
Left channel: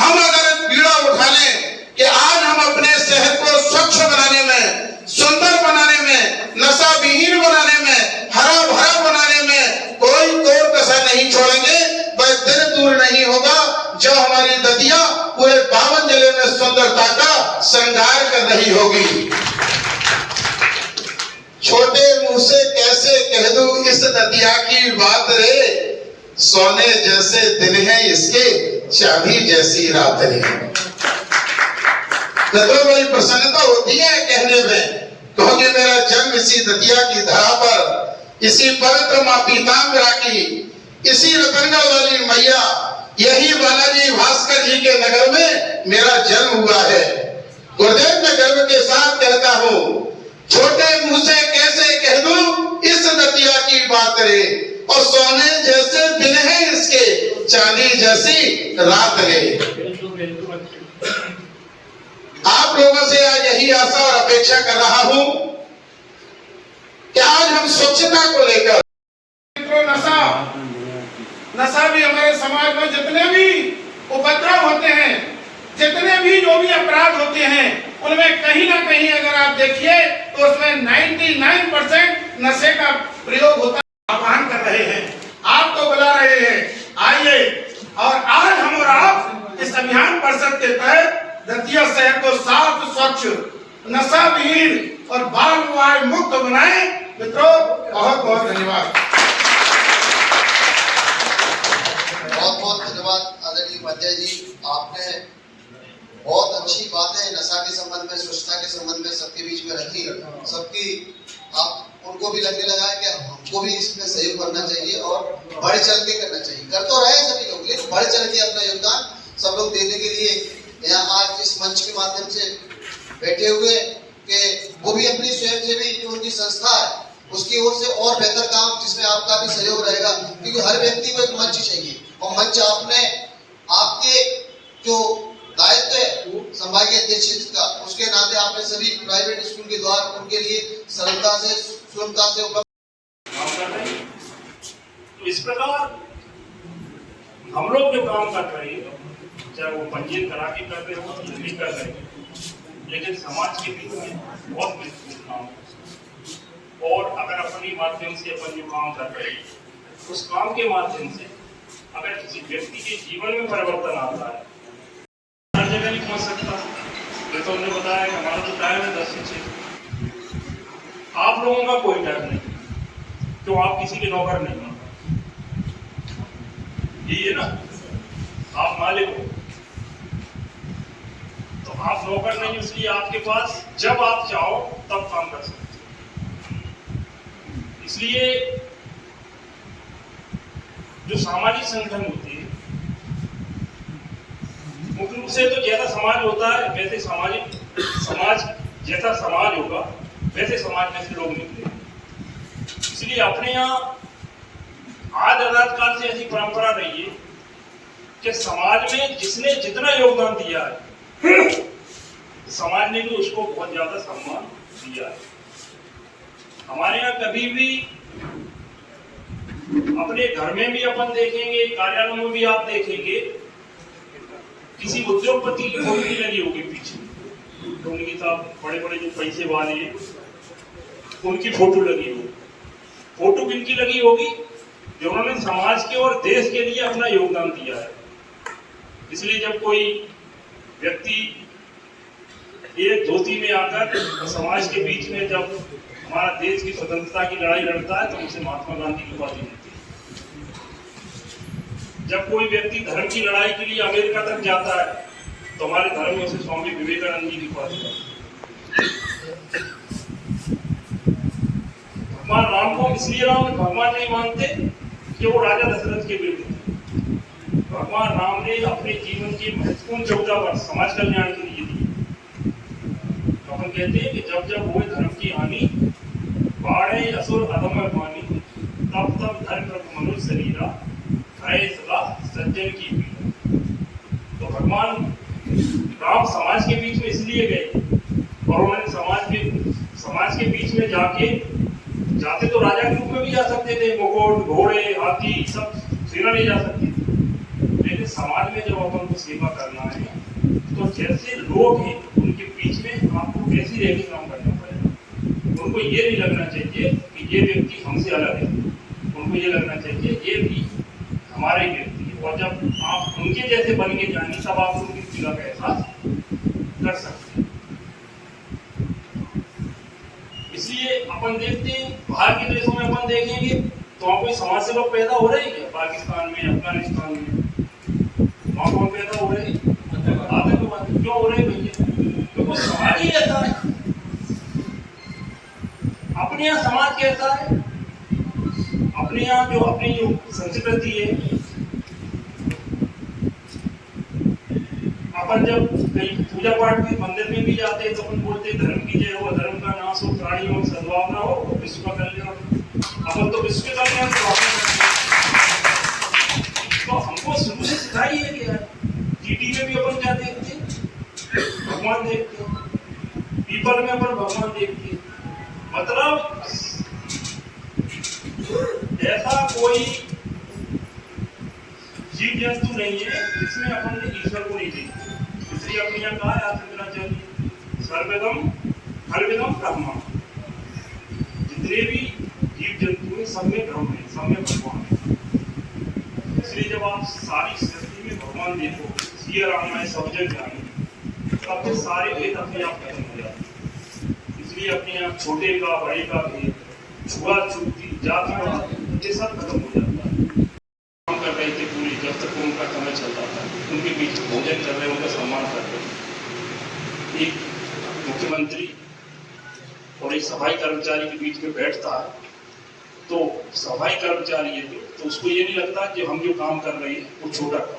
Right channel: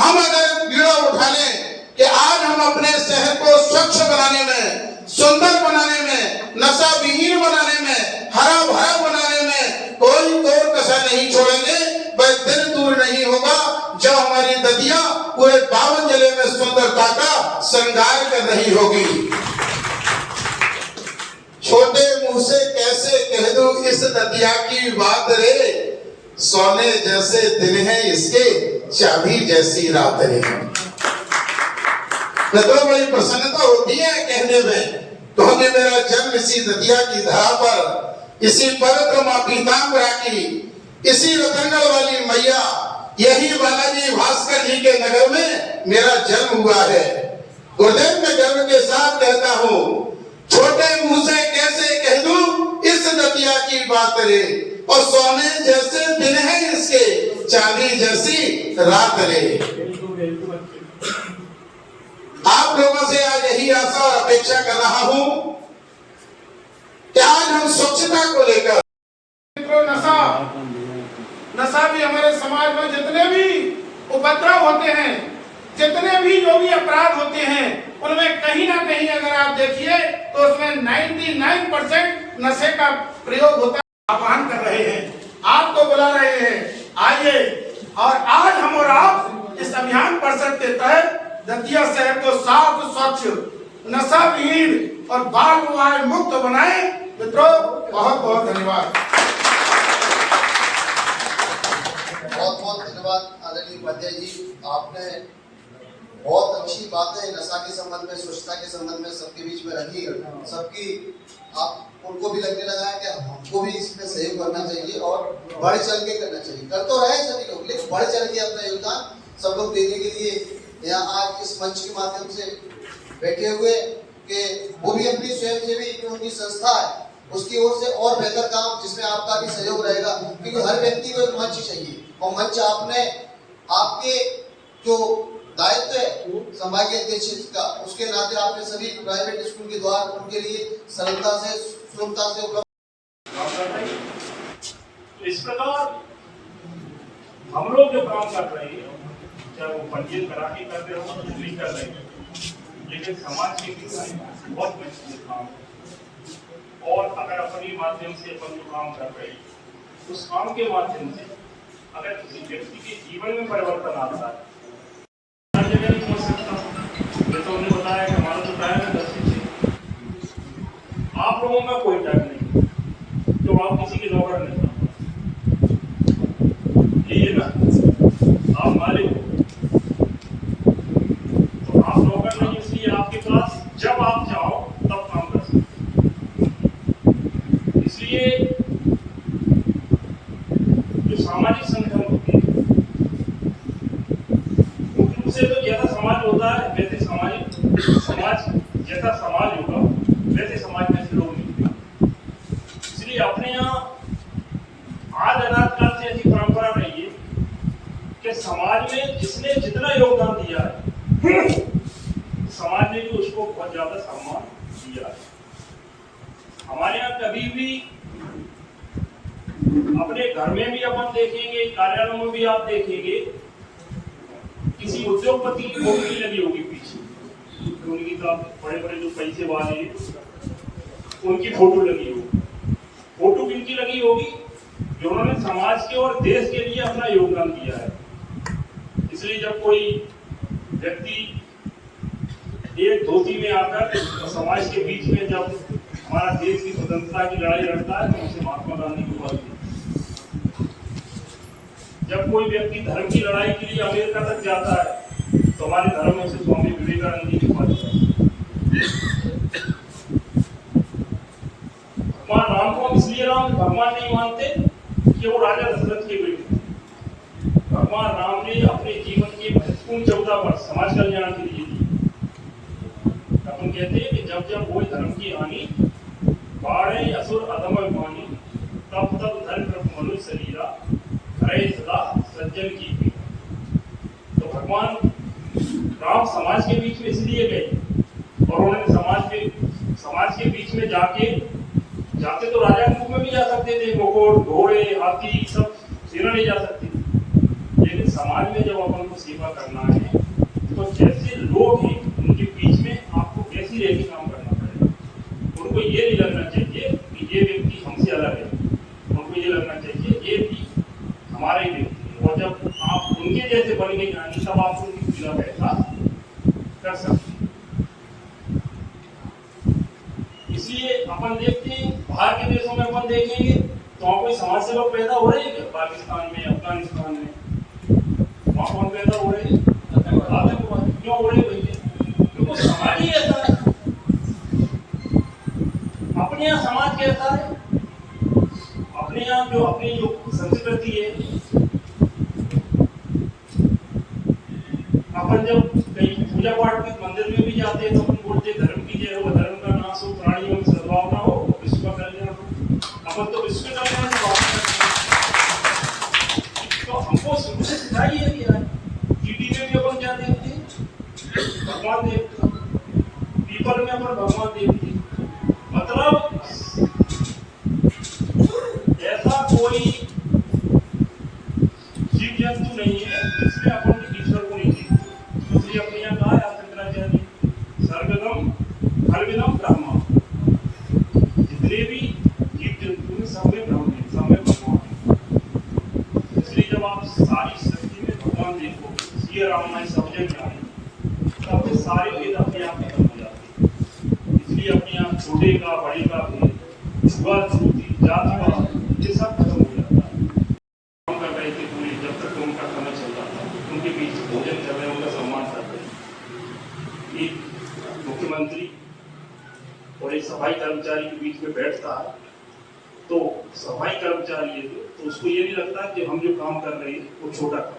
हम अगर बीड़ा उठा लें कि आज हम अपने शहर को स्वच्छ बनाने में, सुंदर बनाने में, नशा विहीन बनाने में, हरा भरा बनाने में कोई कोर कसर नहीं छोड़ेंगे, वह दिन दूर नहीं होगा जो हमारी दतिया पूरे 52 जिले में सुंदरता का श्रृंगार कर रही होगी। छोटे मुंह से कैसे कह दूं इस दतिया की बात रे, सोने जैसे दिन है इसके, चाबी जैसी रात रे। तो बड़ी प्रसन्नता होती है कहने में, क्योंकि मेरा जन्म इसी दतिया की धरा पर, इसी पवित्र मां पीताम्बरा की, इसी रतनगढ़ वाली मैया, यही बालाजी भास्कर जी के नगर में मेरा जन्म हुआ है। गुरुदेव मैं गर्व के साथ कहता हूँ, छोटे मुंह से कैसे कह दूं इस दतिया की और सोने जैसे दिन है इसके, चांदी जैसी रात है। आप लोगों से आज यही आशा और अपेक्षा कर रहा हूं कि आज हम स्वच्छता को लेकर, नशा भी हमारे समाज में जितने भी उपद्रव होते हैं, जितने भी जो भी अपराध होते हैं, उनमें कहीं ना कहीं अगर आप देखिए तो उसमें 99% नशे का प्रयोग होता है। आह्वान कर रहे हैं, आपको बुला रहे हैं, आइए। और आज हम और आप इस अभियान परिषद के तहत दतिया शहर को साफ, स्वच्छ, नशा विहीन और बाल विवाह मुक्त बनाए। मित्रों, बहुत बहुत धन्यवाद। बहुत बहुत धन्यवाद आदरणीय उपाध्याय जी, आपने बहुत अच्छी बातें नशा के संबंध में, स्वच्छता के संबंध में सबके बीच में रखी। सबकी आप उनको भी लगने लगा है कि हमको भी इसमें सहयोग करना चाहिए और बढ़ चढ़ के करना चाहिए। कर तो रहे सभी लोग, लेकिन बढ़ चढ़ के अपना योगदान सब लोग देने के लिए यहाँ आज इस मंच के माध्यम से बैठे हुए कि वो भी अपनी स्वयंसेवी जो उनकी संस्था है उसकी ओर से और बेहतर काम, जिसमें आपका भी सहयोग रहेगा, क्योंकि हर व्यक्ति को एक मंच चाहिए। और मंच आपने, आपके जो दायित्व है संभागीय अध्यक्ष का, उसके नाते आपने सभी प्राइवेट स्कूल के द्वार उनके लिए सरलता से, सुलभता से उपलब्ध। तो इस प्रकार हम लोग जो काम कर रहे हैं, चाहे वो पंजीयन करा के कर रहे हो या नहीं कर रहे हो, लेकिन समाज के बीच में बहुत महत्वपूर्ण काम है। और अगर अपने माध्यम से अपन जो काम कर रहे हैं, उस काम के माध्यम से अगर किसी व्यक्ति के जीवन में परिवर्तन आता है, हर जगह नहीं पहुंच सकता। तो उन्होंने बताया कि हमारा जो टाइम है 10 से 6। आप लोगों का कोई टाइम नहीं, तो आप किसी के नौकर नहीं, ये ना आप मालिक हो, तो आप नौकर नहीं, इसलिए आपके पास जब आप चाहो तब काम कर सकते। इसलिए जो सामाजिक संगठन होते हैं उनसे तो जैसा समाज होता है वैसे समाज जैसा समाज होगा वैसे समाज में से लोग निकले। इसलिए अपने यहाँ आज अनाद काल से ऐसी परंपरा रही है कि समाज में जिसने जितना योगदान दिया है समाज ने भी उसको बहुत ज्यादा सम्मान दिया है। हमारे यहाँ कभी भी, अपने घर में भी अपन देखेंगे, कार्यालयों में भी आप देखेंगे, किसी उद्योगपति की फोटो नहीं लगी होगी पीछे, तो उनके साथ बड़े बड़े जो पैसे वाले हैं उनकी फोटो लगी होगी। फोटो किनकी लगी होगी? जो उन्होंने समाज के और देश के लिए अपना योगदान दिया है। इसलिए जब कोई व्यक्ति एक धोती में आकर समाज के बीच में जब हमारा देश की स्वतंत्रता की लड़ाई लड़ता है तो उनसे महात्मा गांधी की उपाधि मिलती है। जब कोई व्यक्ति धर्म की लड़ाई के लिए अमेरिका तक जाता है तो हमारे धर्म में उसे स्वामी विवेकानंद जी की उपाधि मिलती है। भगवान राम को इसलिए राम भगवान नहीं मानते कि वो राजा दशरथ के बेटे थे। भगवान राम ने अपने जीवन के महत्वपूर्ण 14 वर्ष समाज कल्याण के लिए दिए। अपन कहते हैं कि जब जब हुए धर्म की हानि, बाढ़े असुर अधम पानी, तब तब धर्म मनुष्य शरीरा, हरे सदा सज्जन की पीड़ा। तो भगवान राम समाज के बीच में इसलिए गए और उन्होंने समाज के बीच में जाते तो राजा के रूप में भी जा सकते थे, मुकुट, घोड़े, हाथी सब सेना ले जा सकते थे, लेकिन समाज में जब अपन को सेवा करना है तो जैसे लोग हैं उनके बीच में आपको कैसी रह के काम करना पड़ेगा। उनको ये नहीं लगना चाहिए कि ये व्यक्ति हमसे अलग है, उनको ये लगना चाहिए ये भी हमारा ही व्यक्ति है। और जब आप उनके जैसे बन के जाएंगे तब आप उनकी पीड़ा का एहसास कर सकते हैं। इसलिए अपन देखते हैं बाहर के देशों में अपन देखेंगे तो वहाँ कोई समाज सेवक पैदा हो रहे हैं क्या? पाकिस्तान में, अफगानिस्तान में वहाँ कौन पैदा हो रहे हैं? क्यों हो रहे भैया? क्योंकि समाज ही ऐसा है। अपने यहाँ समाज कैसा है, अपने यहाँ जो अपनी जो संस्कृति है, अपन जब कहीं पूजा पाठ में मंदिर में भी जाते हैं तो अपन बोलते धर्म की जय हो, धर्म का नाश हो, प्राणियों में सद्भावना हो, विश्व का कल्याण हो। अपन तो विश्व का कल्याण भगवान देखते हैं, पीपल में अपन भगवान देखते हैं। मतलब ऐसा कोई जीव जंतु नहीं है जिसमें अपन ने ईश्वर को नहीं देखा। इसलिए अपने यहाँ कहा है शंकराचार्य सर्वविदम फलविदम ब्रह्म। जितने भी जीव जंतु हैं सब में ब्रह्म है, सब में भगवान है। इसलिए जब आप सारी सृष्टि में भगवान देखोगे, सिया रामायण सब जग जाने, तो आपके सारे भेद अपने आप खत्म हो जाते हैं। इसलिए अपने यहाँ छोटे का बड़े का भेद, छुआछूती जाति का, ये सब खत्म हो जाता है। काम कर रहे थे पूरी, जब तक उनका समय चल रहा था, उनके बीच भोजन कर रहे, उनका सम्मान कर रहे। एक मुख्यमंत्री और एक सफाई कर्मचारी के बीच में बैठता है, तो सफाई कर्मचारी है तो उसको ये नहीं लगता कि हम जो काम कर रहे हैं वो छोटा काम,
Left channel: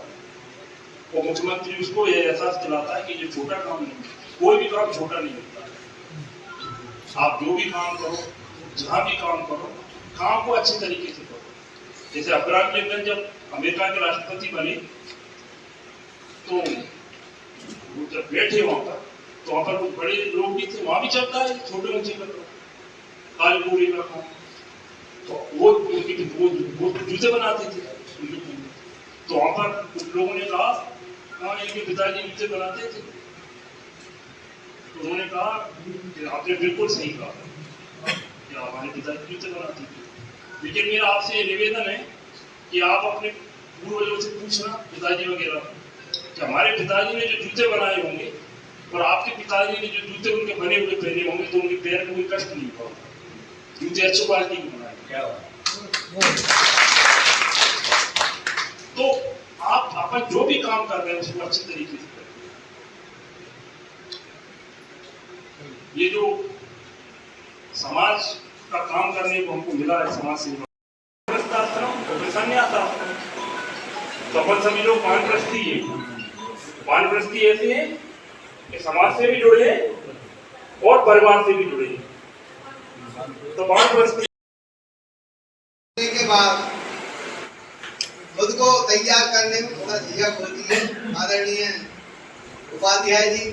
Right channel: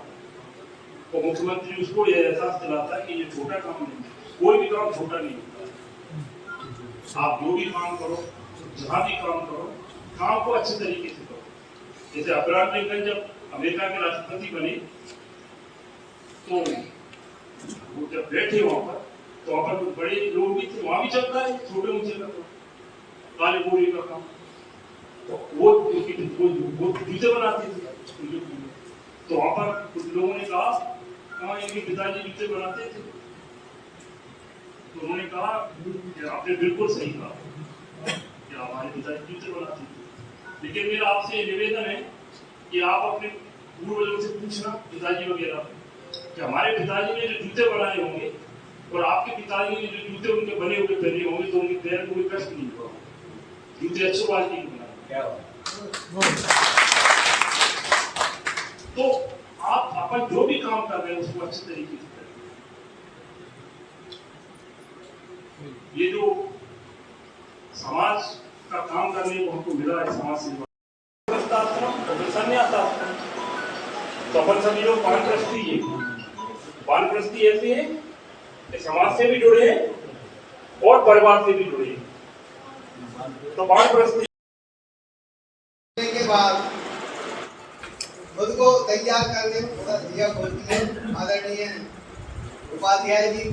और मुख्यमंत्री उसको ये एहसास दिलाता है कि ये छोटा काम नहीं है, कोई भी काम छोटा नहीं होता है। आप जो भी काम करो, जहाँ भी काम करो, काम को अच्छे तरीके से करो। जैसे अब्राहम लिंकन जब अमेरिका के राष्ट्रपति बने, तो वो जब बैठे वहां पर, तो वहां पर कुछ बड़े लोग भी थे, वहां भी चलता है छोटे ऊंचे का काले गोरे का काम। तो वो जूते बनाते थे, तो वहां पर कुछ लोगों ने कहा हाँ इनके पिताजी जूते बनाते थे। तो उन्होंने कहा कि आपने बिल्कुल सही कहा कि हमारे पिताजी जूते बनाते थे, लेकिन मेरा आपसे ये निवेदन है कि आप अपने पूर्वजों से पूछना, पिताजी वगैरह, कि हमारे पिताजी ने जो जूते बनाए होंगे और आपके पिताजी ने जो जूते उनके बने हुए पहने होंगे, तो उनके पैर को कोई कष्ट नहीं पड़ा, जूते अच्छी क्वालिटी के बनाए। तो आप अपन जो भी काम कर रहे हैं उसको अच्छे तरीके से करें। ये जो समाज का काम करने को हमको मिला है, समाज सेवा और संन्यास आश्रम, तो अपन सभी लोग वानप्रस्थी है। वानप्रस्थी ऐसे हैं कि समाज से भी जुड़े हैं और परिवार से भी जुड़े हैं। तो वानप्रस्थी के बाद खुद को तैयार करने में थोड़ा झिझक होती है। आदरणीय उपाध्याय जी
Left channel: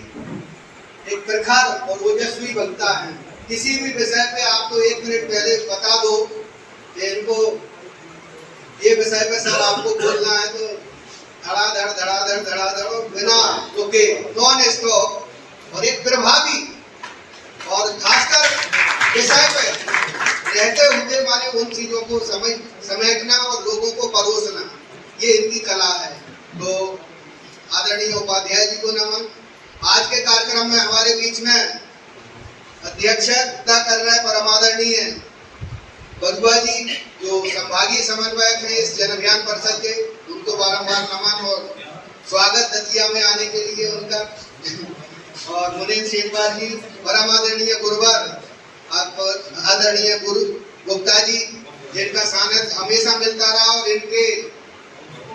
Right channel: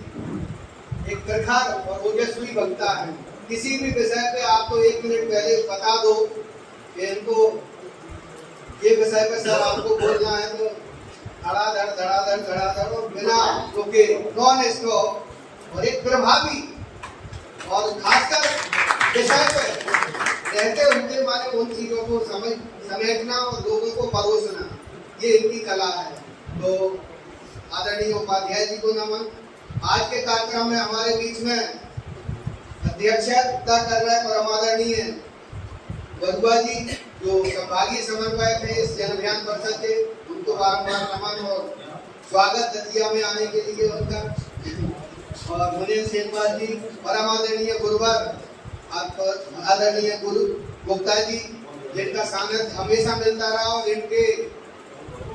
एक प्रखर और ओजस्वी वक्ता है। किसी भी विषय पे आपको 1 मिनट पहले बता दो कि इनको ये विषय पे सर आपको बोलना है, तो धड़ाधड़ और बिना रुके नॉन स्टॉप और एक प्रभावी और खासकर विषय पे रहते हुए माने उन चीजों को समेटना और लोगों को परोसना, ये इनकी कला है। तो आदरणीय उपाध्याय जी को नमन। आज के कार्यक्रम में हमारे बीच में अध्यक्षता कर रहे परम आदरणीय बरुआ जी, जो संभागीय समन्वयक हैं इस जन अभियान परिषद के, उनको बारंबार नमन और स्वागत दतिया में आने के लिए उनका। और मुनीन शेखवार जी, परम आदरणीय गुरुवर आदरणीय गुरु गुप्ता जी, जिनका सानिध्य हमेशा मिलता रहा, और इनके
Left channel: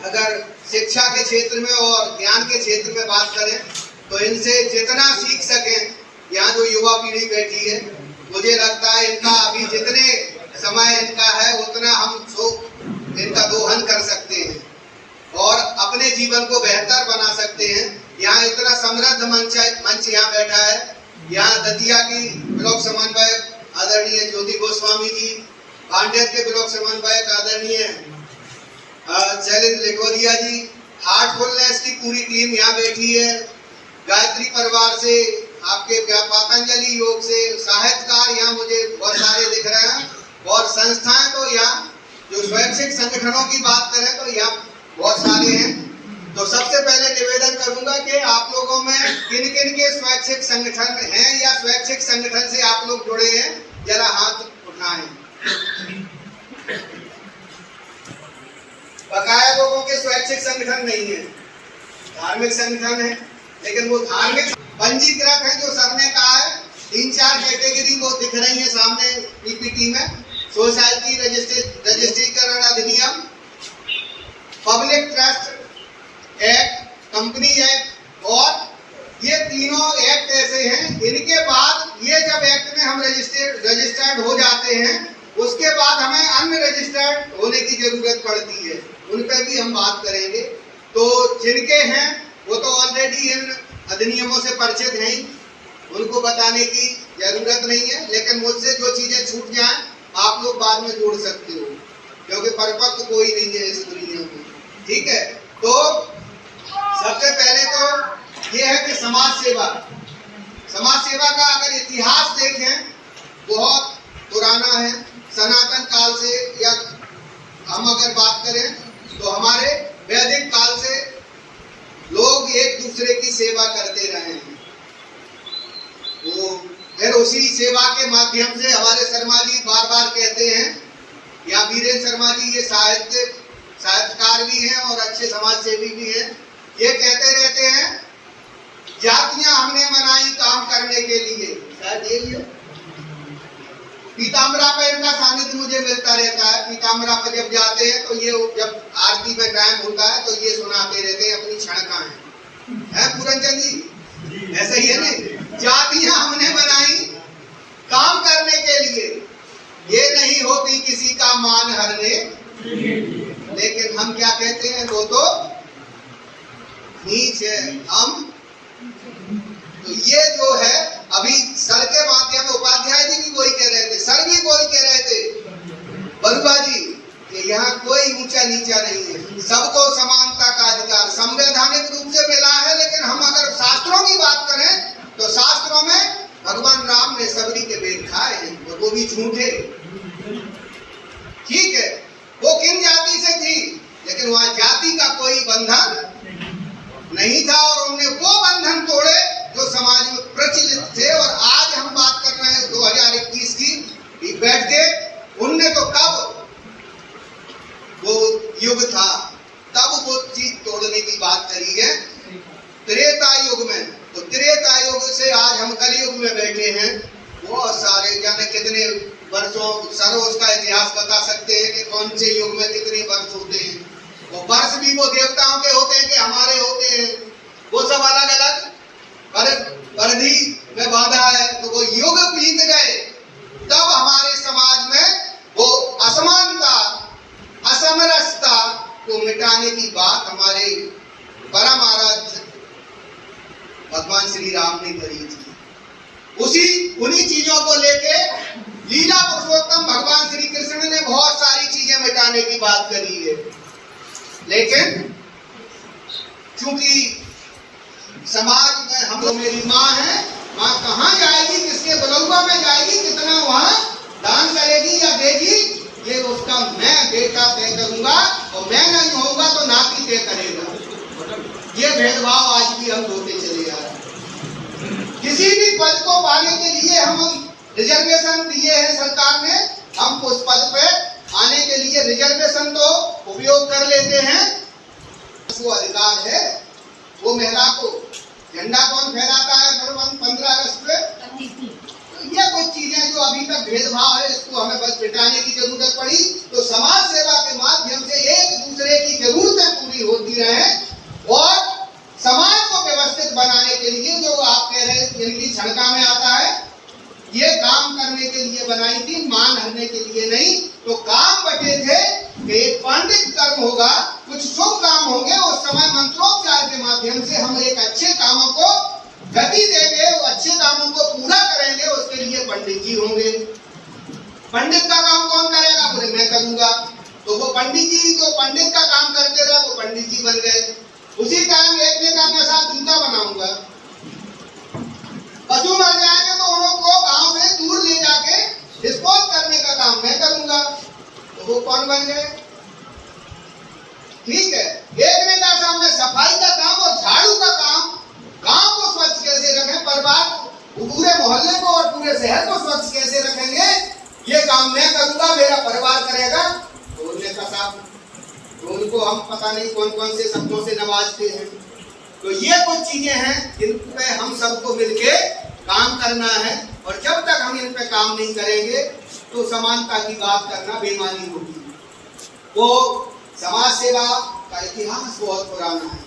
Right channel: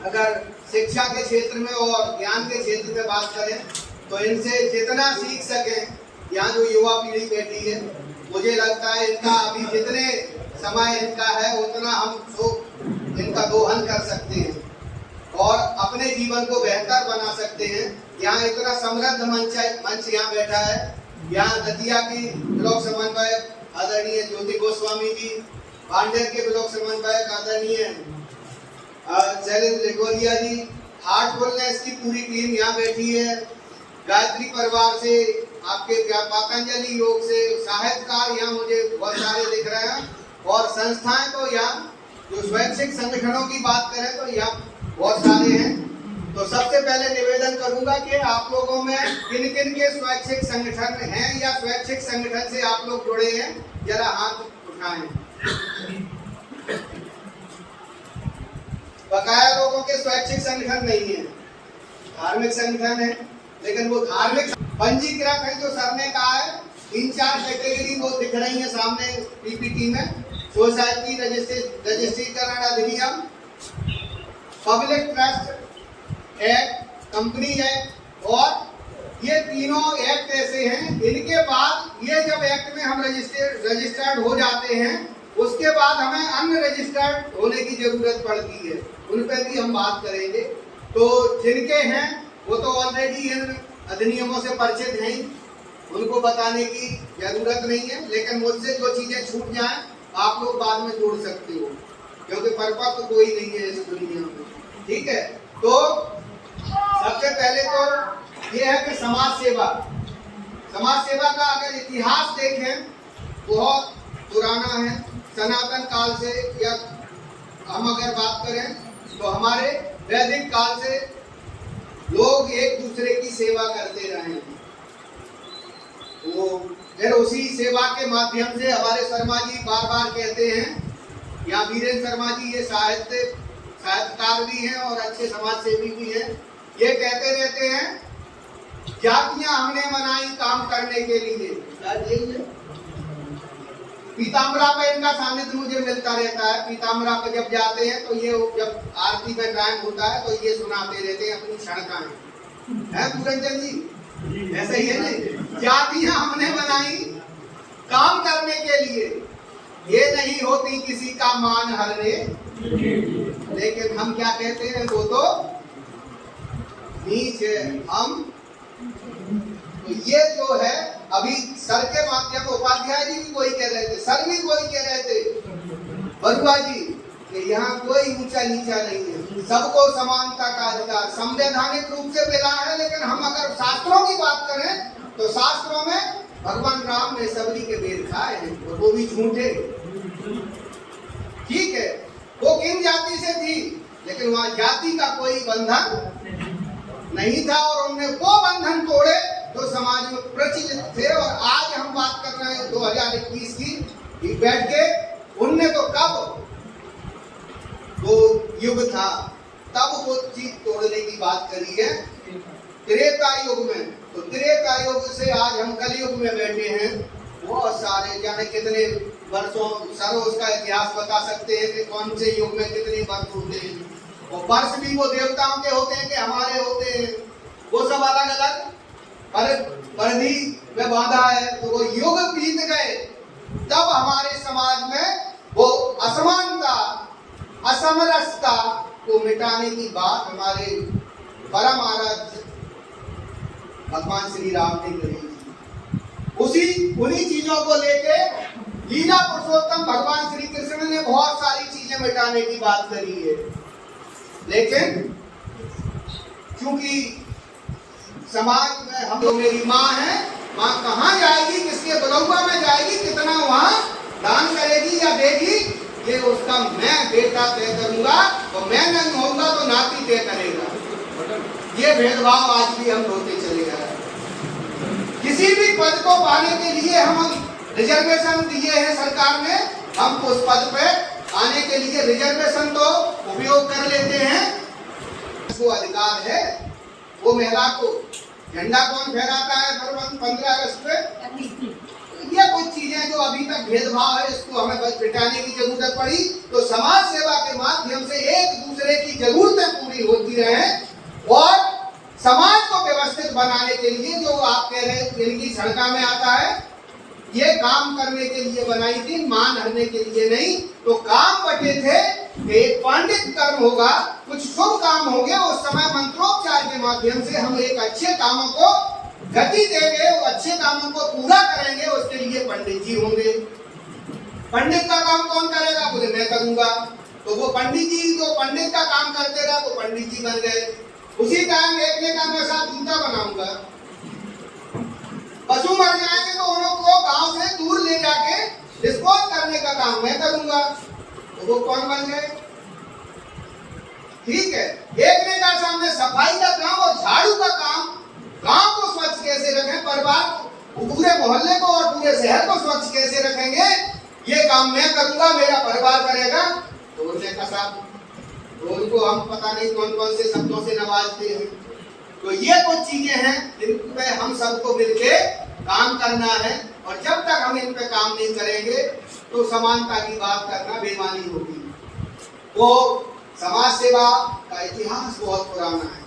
अगर शिक्षा के क्षेत्र में और ज्ञान के क्षेत्र में बात करें तो इनसे जितना सीख सकें, यहाँ जो युवा पीढ़ी बैठी है, मुझे लगता है इनका अभी जितने समय इनका है उतना हम इनका दोहन कर सकते हैं और अपने जीवन को बेहतर बना सकते हैं। यहाँ इतना समृद्ध मंच यहाँ बैठा है। यहाँ दतिया की ब्लॉक समन्वयक आदरणीय ज्योति गोस्वामी जी, पांडेर के ब्लॉक समन्वयक आदरणीय शैलेंद्र लिखोरिया जी, हार्टफुलनेस की पूरी टीम यहाँ बैठी है। गायत्री परिवार से, आपके पतंजलि योग से, साहित्यकार यहाँ मुझे बहुत सारे दिख रहे हैं, और संस्थाएं तो यहाँ जो स्वैच्छिक संगठनों की बात करें तो यहाँ बहुत सारे हैं। तो सबसे पहले निवेदन करूंगा कि आप लोगों में किन किन के स्वैच्छिक संगठन हैं या स्वैच्छिक संगठन से आप लोग जुड़े हैं, जरा हाथ उठाएं। बकाया लोगों के स्वैच्छिक संगठन नहीं है, धार्मिक संगठन है, लेकिन वो धार्मिक पंजीकृत है। जो सर ने कहा है 3-4 कैटेगरी वो दिख रही है सामने पीपीटी में, सोसाइटी रजिस्ट्रीकरण अधिनियम, public trust act, company act, और ये तीनों एक्ट ऐसे हैं। इनके बाद ये जब एक्ट में हम रजिस्टर्ड हो जाते हैं, उसके बाद हमें अन्य रजिस्टर्ड होने की जरूरत पड़ती है, उन पर भी हम बात करेंगे। तो जिनके हैं वो तो ऑलरेडी इन अधिनियमों से परिचित हैं, उनको बताने की जरूरत नहीं है। लेकिन मुझसे जो चीजें छूट जाएं आप लोग बाद में जोड़ सकते हो, क्योंकि परिपक्व कोई नहीं है इस दुनिया में। ठीक है, तो सबसे पहले तो ये है कि समाज सेवा का अगर इतिहास देखें बहुत पुराना है, सनातन काल से, या हम अगर बात करें तो हमारे वैदिक काल से लोग एक दूसरे की सेवा करते रहे हैं। वो फिर उसी सेवा के माध्यम से हमारे शर्मा जी बार बार कहते हैं, या वीरेंद्र शर्मा जी ये साहित्यकार भी हैं और अच्छे समाज सेवी भी हैं, ये कहते रहते हैं जातियां हमने बनाई काम करने के लिए। शायद यही है, पीताम्बरा पर इनका सानिध्य मुझे मिलता रहता है। पीताम्बरा पर जब जाते हैं तो ये जब आरती में टाइम होता है तो ये सुनाते रहते हैं अपनी क्षणकाएं। है पूरनचंद जी, ऐसा ही है ना, जातियां हमने बनाई काम करने के लिए, ये नहीं होती किसी का मान हरने। लेकिन हम क्या कहते हैं, तो नीच है हम। तो ये जो है अभी सर के माध्यम में उपाध्याय जी भी वही कह रहे थे, सर भी वही कह रहे थे, बरुआ जी, कि यहाँ कोई ऊंचा नीचा नहीं है, सबको समानता का अधिकार संवैधानिक रूप से मिला है। लेकिन हम अगर शास्त्रों की बात करें तो शास्त्रों में भगवान राम ने सबरी के वेद खाए हैं, और वो भी झूठे। ठीक है, वो किन जाति से थी, लेकिन वहां जाति का कोई बंधन नहीं था, और उन्होंने वो बंधन तोड़े जो समाज में प्रचलित थे। और आज हम बात कर रहे हैं 2021 की बैठ के, उनने तो कब वो युग था तब वो चीज तोड़ने की बात करी है, त्रेता युग में। तो त्रेता युग से आज हम कलयुग में बैठे हैं, बहुत सारे जाने कितने वर्षों, सर उसका इतिहास बता सकते हैं कि कौन से युग में कितने वर्ष होते हैं। वो वर्ष भी वो देवताओं के होते हैं कि हमारे होते हैं, वो सब अलग अलग परिधि में बांधा है। तो वो युग बीत गए, तब हमारे समाज में वो असमानता, असमरसता को मिटाने की बात हमारे परम आराध्य भगवान श्री राम ने करी थी। उन्हीं चीजों को लेके लीला पुरुषोत्तम भगवान श्री कृष्ण ने बहुत सारी चीजें मिटाने की बात करी है। लेकिन चूंकि समाज में हम लोग, मेरी माँ है, माँ कहाँ जाएगी, किसके बलौआ में जाएगी, कितना वहां दान करेगी या देगी, ये उसका मैं बेटा तय करूंगा, और मैं नहीं होऊंगा तो नाती तय करेगा। ये भेदभाव आज भी हम होते चले जा रहे हैं। किसी भी पद को पाने के लिए हम रिजर्वेशन दिए हैं सरकार ने, हम उस पद पे आने के लिए रिजर्वेशन तो उपयोग कर लेते हैं। उसको अधिकार है, वो महिला को झंडा कौन फहराता है 15 अगस्त पे, ये कुछ चीजें जो अभी तक भेदभाव है, इसको हमें बस मिटाने की जरूरत पड़ी। तो समाज सेवा के माध्यम से एक दूसरे की जरूरतें पूरी होती रहे, और समाज को व्यवस्थित बनाने के लिए जो आप कह रहे हैं जिनकी क्षणका में आता है, ये काम करने के लिए बनाई थी, मान हरने के लिए नहीं। तो काम बटे थे कि एक पांडित कर्म होगा, कुछ शुभ काम होंगे, उस समय मंत्रोच्चार के माध्यम से हम एक अच्छे कामों को गति देंगे, वो अच्छे कामों को पूरा करेंगे। उसके लिए पंडित जी होंगे। पंडित का काम कौन करेगा, बोले मैं करूंगा। तो वो पंडित जी जो पंडित का काम करते रहे, वो पंडित जी बन गए। उसी टाइम एक ने कहा मैं साथ जूता बनाऊंगा, पशु मर जाएंगे तो उनको गांव से दूर ले जाके डिस्पोज करने का काम मैं करूंगा। तो वो कौन बन गए, ठीक है। एक ने कहा सामने सफाई का काम और झाड़ू का काम, गांव को स्वच्छ कैसे रखें, परिवार पूरे मोहल्ले को और पूरे शहर को स्वच्छ कैसे रखेंगे, ये काम मैं करूंगा, मेरा परिवार करेगा। तो उन्होंने कहा तो उनको हम पता नहीं कौन कौन से शब्दों से नवाजते हैं। तो ये कुछ चीजें हैं जिन पे हम सबको मिलके काम करना है, और जब तक हम इन पे काम नहीं करेंगे तो समानता की बात करना बेईमानी होगी। वो समाज सेवा का इतिहास बहुत पुराना है।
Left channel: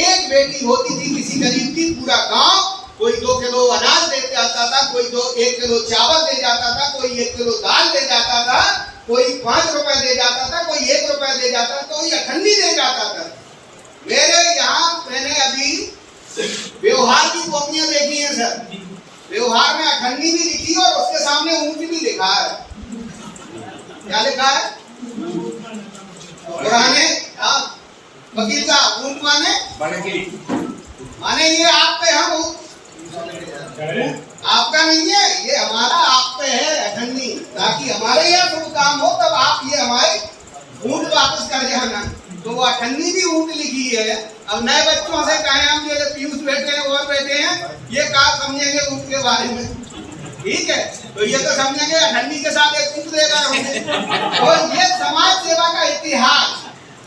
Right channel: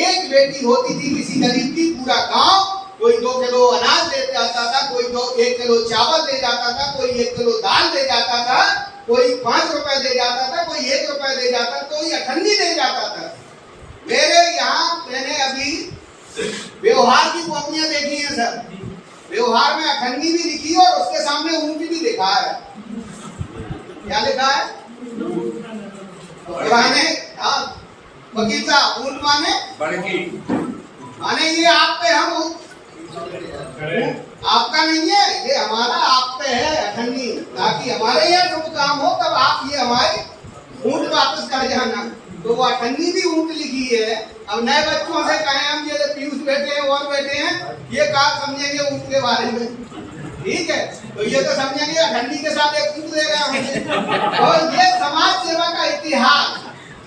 एक बेटी होती थी किसी गरीब की, पूरा गांव, कोई 2 किलो अनाज दे जाता था, कोई 1 किलो चावल दे जाता था, कोई 1 किलो दाल दे जाता था, कोई 5 रुपए दे जाता था, कोई 1 रुपए दे जाता था, कोई अठन्नी दे जाता था। मेरे यहाँ मैंने अभी व्यवहार की कॉपियां देखी हैं सर, व्यवहार में अखंडी भी लिखी और उसके सामने ऊंट भी लिखा है। क्या लिखा है? पुराने वकील साहब, ऊंट माने ये आप पे, हम आपका नहीं है, ये हमारा आप पे है अखंडी, ताकि हमारे यहाँ शुभ काम हो तब आप ये हमारे ऊंट वापस कर जाना। तो वो अखंडी भी ऊंट लिखी है। अब नए बच्चों से कहें हम, जैसे पीयूष बैठे हैं और बैठे हैं, ये कहा समझेंगे ऊंट के बारे में, ठीक है? तो ये तो समझेंगे अखंडी के साथ एक ऊंट देगा हमें। और ये समाज सेवा का इतिहास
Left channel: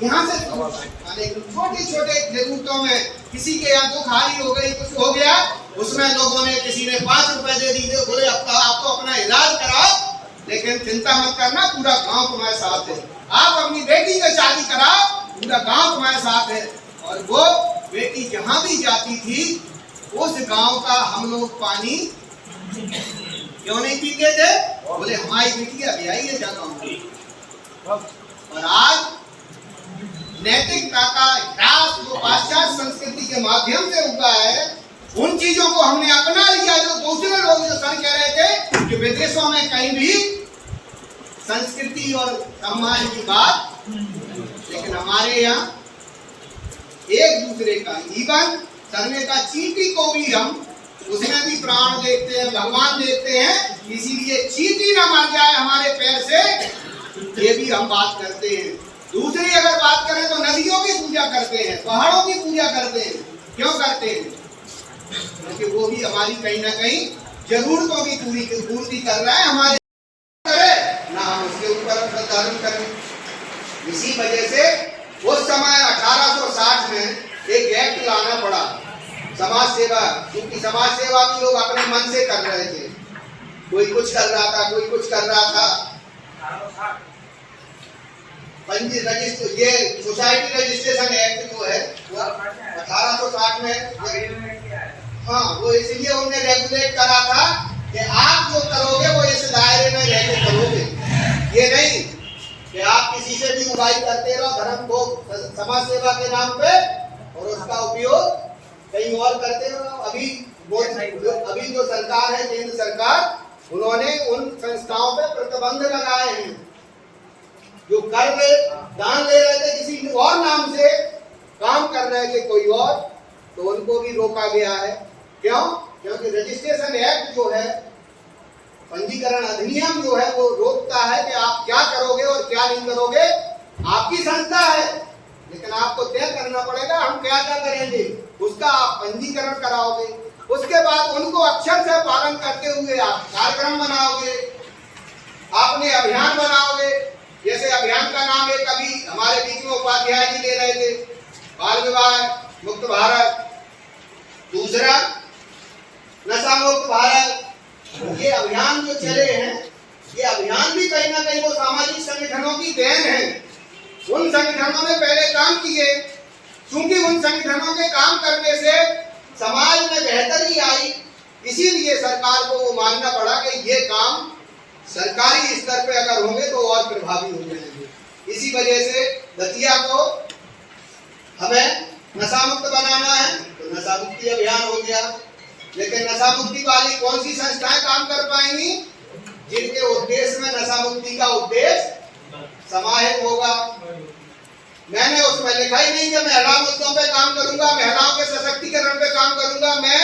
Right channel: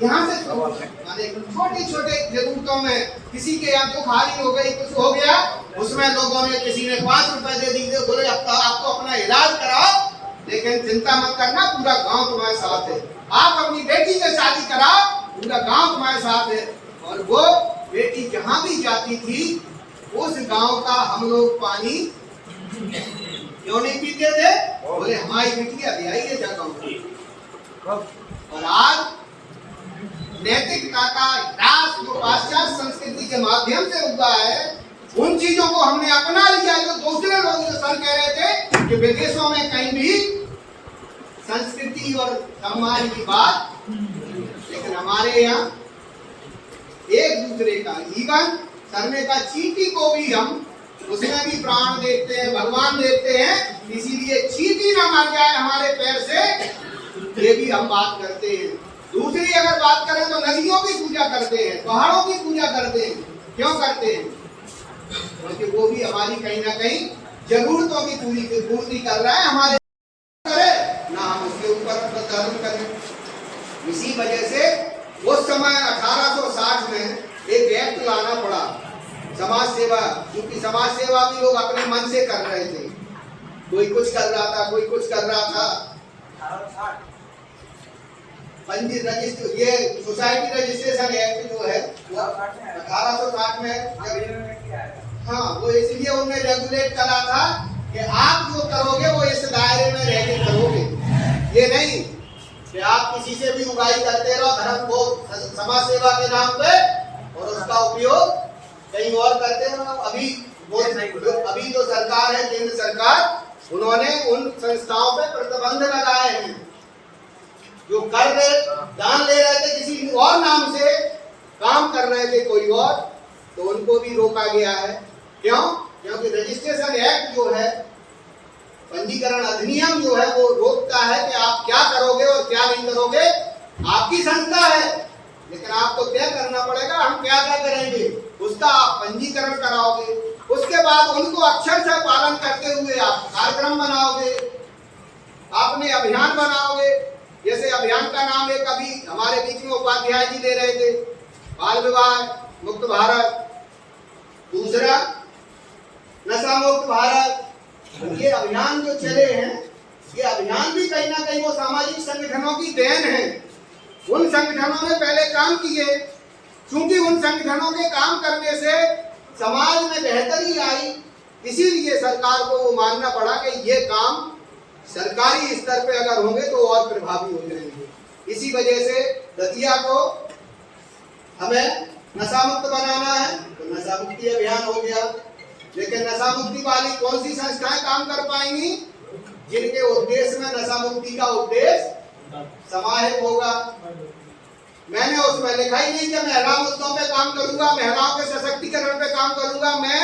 यहाँ से छोटी छोटे जरूरतों में, किसी के यहाँ दुखारी हो गई, कुछ हो गया, उसमें लोगों ने, किसी ने 5 रुपए दे दिए, बोले अब तो आपको अपना इलाज कराओ, लेकिन चिंता मत करना, पूरा गांव तुम्हारे साथ है। आप अपनी बेटी की शादी कराओ, पूरा गांव तुम्हारे साथ है। और वो बेटी जहां भी जाती थी, उस गांव का हम लोग पानी क्यों नहीं पीते थे? बोले हमारी बेटी अभी आई है जगह। और आज नैतिकता का ह्रास जो पाश्चात्य संस्कृति के माध्यम से हुआ है, उन चीजों को हमने अपना लिया जो दूसरे लोग जो सर कह रहे थे कि विदेशों में कहीं भी संस्कृति और सम्मान की बात, लेकिन हमारे यहाँ एक दूसरे का जीवन करने का, चींटी को भी हम उसमें भी प्राण देते हैं, भगवान देते हैं, इसीलिए चींटी ना मर जाए हमारे पैर से, ये भी हम बात करते हैं। दूसरी अगर बात करें तो नदियों की पूजा करते हैं, पहाड़ों की पूजा करते हैं। क्यों करते हैं? क्योंकि वो भी हमारी कहीं ना कहीं जरूरतों की पूर्ति कर रहा है, हमारे करे ना हम उसके ऊपर धर्म करें। इसी वजह से उस समय 1860 में एक एक्ट लाना पड़ा, समाज सेवा, क्योंकि समाज सेवा भी लोग अपने मन से कर रहे थे, कोई कुछ कर रहा था, कोई कुछ कर रहा था। पंजी रजिस्टर, ये सोसाइटी रजिस्ट्रेशन एक्ट जो है 1860 में, हाँ, वो इसलिए उन्होंने रेगुलेट करा था कि आप जो करोगे वो इस दायरे में रह के करोगे। ये नहीं कि आप किसी से भी उगाई करते रहो धर्म को समाज सेवा के नाम पे, और उसका उपयोग कहीं और करते रहो। अभी जो सरकार है, केंद्र सरकार, उन्होंने उन संस्थाओं पे प्रतिबंध लगाए हैं जो कर रहे, दान ले रहे थे किसी और नाम से, काम कर रहे थे कोई और, तो उनको भी रोका गया है। क्यों? क्योंकि रजिस्ट्रेशन एक्ट जो है, पंजीकरण अधिनियम जो है, वो रोकता है कि आप क्या करोगे और क्या नहीं करोगे। आपकी संस्था है, लेकिन आपको तय करना पड़ेगा हम क्या क्या करेंगे, उसका आप पंजीकरण कराओगे। उसके बाद उनको अक्षर से पालन करते हुए आप कार्यक्रम बनाओगे, आपने अभियान बनाओगे। जैसे अभियान का नाम एक अभी हमारे बीच में उपाध्याय जी ले रहे थे, बाल विवाह मुक्त भारत, दूसरा नशा मुक्त भारत। ये अभियान जो चले हैं, ये अभियान भी कहीं ना कहीं वो सामाजिक संगठनों की देन है। उन संगठनों ने पहले काम किए, क्योंकि उन संगठनों के काम करने से समाज में बेहतरी आई, इसीलिए सरकार को वो मानना पड़ा कि ये काम सरकारी स्तर पे अगर होंगे तो और प्रभावी हो जाएंगे। इसी वजह से दतिया को हमें नशा मुक्त बनाना है, तो नशा मुक्ति अभियान हो गया। लेकिन नशा मुक्ति वाली कौन सी संस्थाएं काम कर पाएंगी? जिनके उद्देश्य में नशा मुक्ति का उद्देश्य समाहित होगा। मैंने उसमें लिखा ही नहीं कि महिला मुद्दों पे काम करूंगा, महिलाओं के सशक्तिकरण पे काम करूंगा, मैं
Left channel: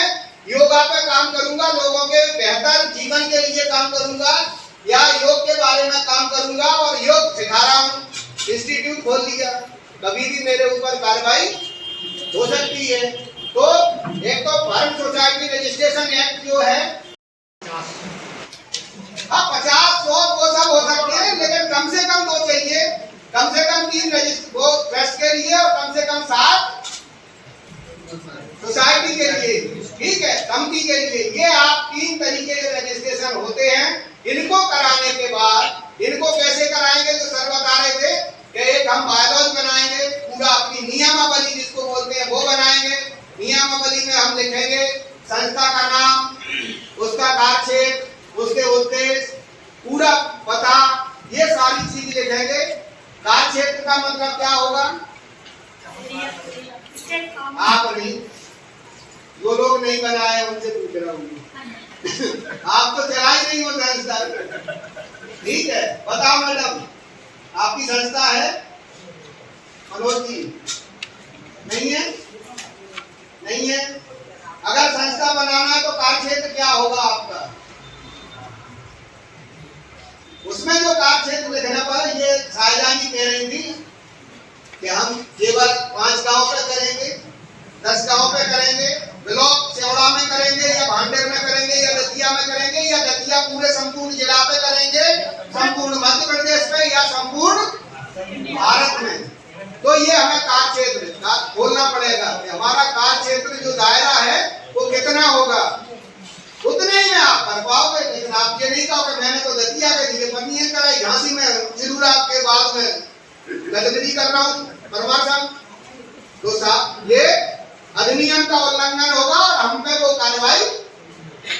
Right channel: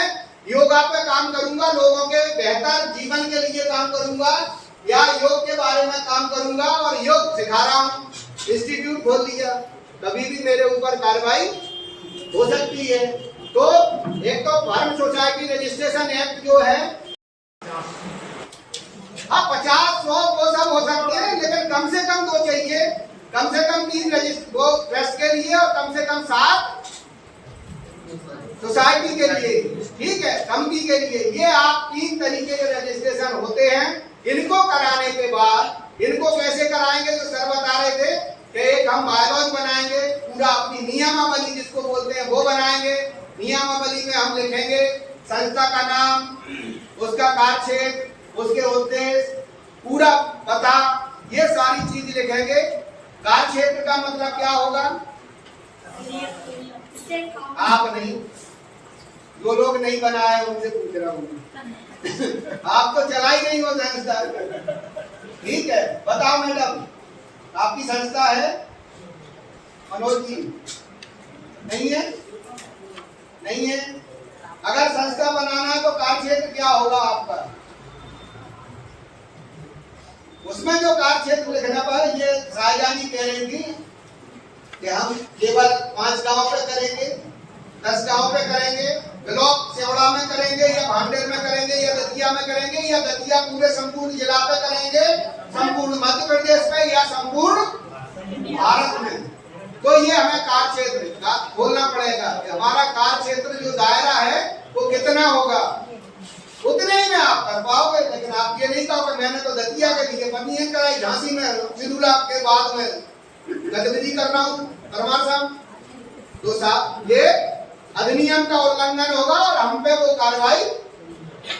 योगा पे काम करूंगा, लोगों के बेहतर जीवन के लिए काम करूंगा, या योग के बारे में काम करूंगा और योग सिखा रहा हूं, इंस्टीट्यूट खोल दिया। कभी भी मेरे ऊपर कार्रवाई हो सकती है। तो एक तो फर्म सोसाइटी रजिस्ट्रेशन एक्ट जो है, हाँ 50-100 वो सब हो सकते हैं, लेकिन कम से कम 2 चाहिए, कम से कम 3 वो ट्रस्ट के लिए और कम से कम 7 सोसाइटी के लिए, ठीक है, कमिटी के लिए। ये आप 3 तरीके के रजिस्ट्रेशन होते हैं। इनको कराने के बाद, इनको कैसे कराएंगे जो सर बता रहे थे कि एक हम बायलॉज बनाएंगे, पूरा अपनी नियमावली जिसको बोलते हैं वो बनाएंगे। नियमावली में हम लिखेंगे संस्था का नाम, उसका कार्यक्षेत्र, उसके उद्देश्य, पूरा पता, ये सारी चीज लिखेंगे। कार्यक्षेत्र का मतलब क्या होगा? आप नहीं, जो लोग नहीं बनाए उनसे पूछ रहा हूँ। आप तो चला ही नहीं हो संस्था। ठीक है, बताओ मैडम, आपकी संस्था है? मनोज जी नहीं है? नहीं है? अगर संस्था बनाना है तो कार्य क्षेत्र क्या होगा आपका? उसमें जो कार्य क्षेत्र लिखना पड़ा, ये शाहजहानी कह रही थी कि हम केवल 5 गांव पे करेंगे, 10 गांव पे करेंगे, ब्लॉक सेवड़ा में करेंगे या भांडेर में करेंगे या दतिया में करेंगे या दतिया पूरे संपूर्ण जिला पे करेंगे, संपूर्ण मध्य प्रदेश में या संपूर्ण भारत में। तो ये हमें कार्य क्षेत्र खोलना पड़ेगा कि हमारा कार्य क्षेत्र जो दायरा है वो कितना होगा, उतने ही में आप कर पाओगे। लेकिन आप ये नहीं कहोगे मैंने तो दतिया के लिए बनी है कराई, झांसी में जरूर आपके बाद में गतिविधि कर रहा हूँ परमार साहब। तो साहब ये अधिनियम का उल्लंघन होगा और हम पे वो कार्रवाई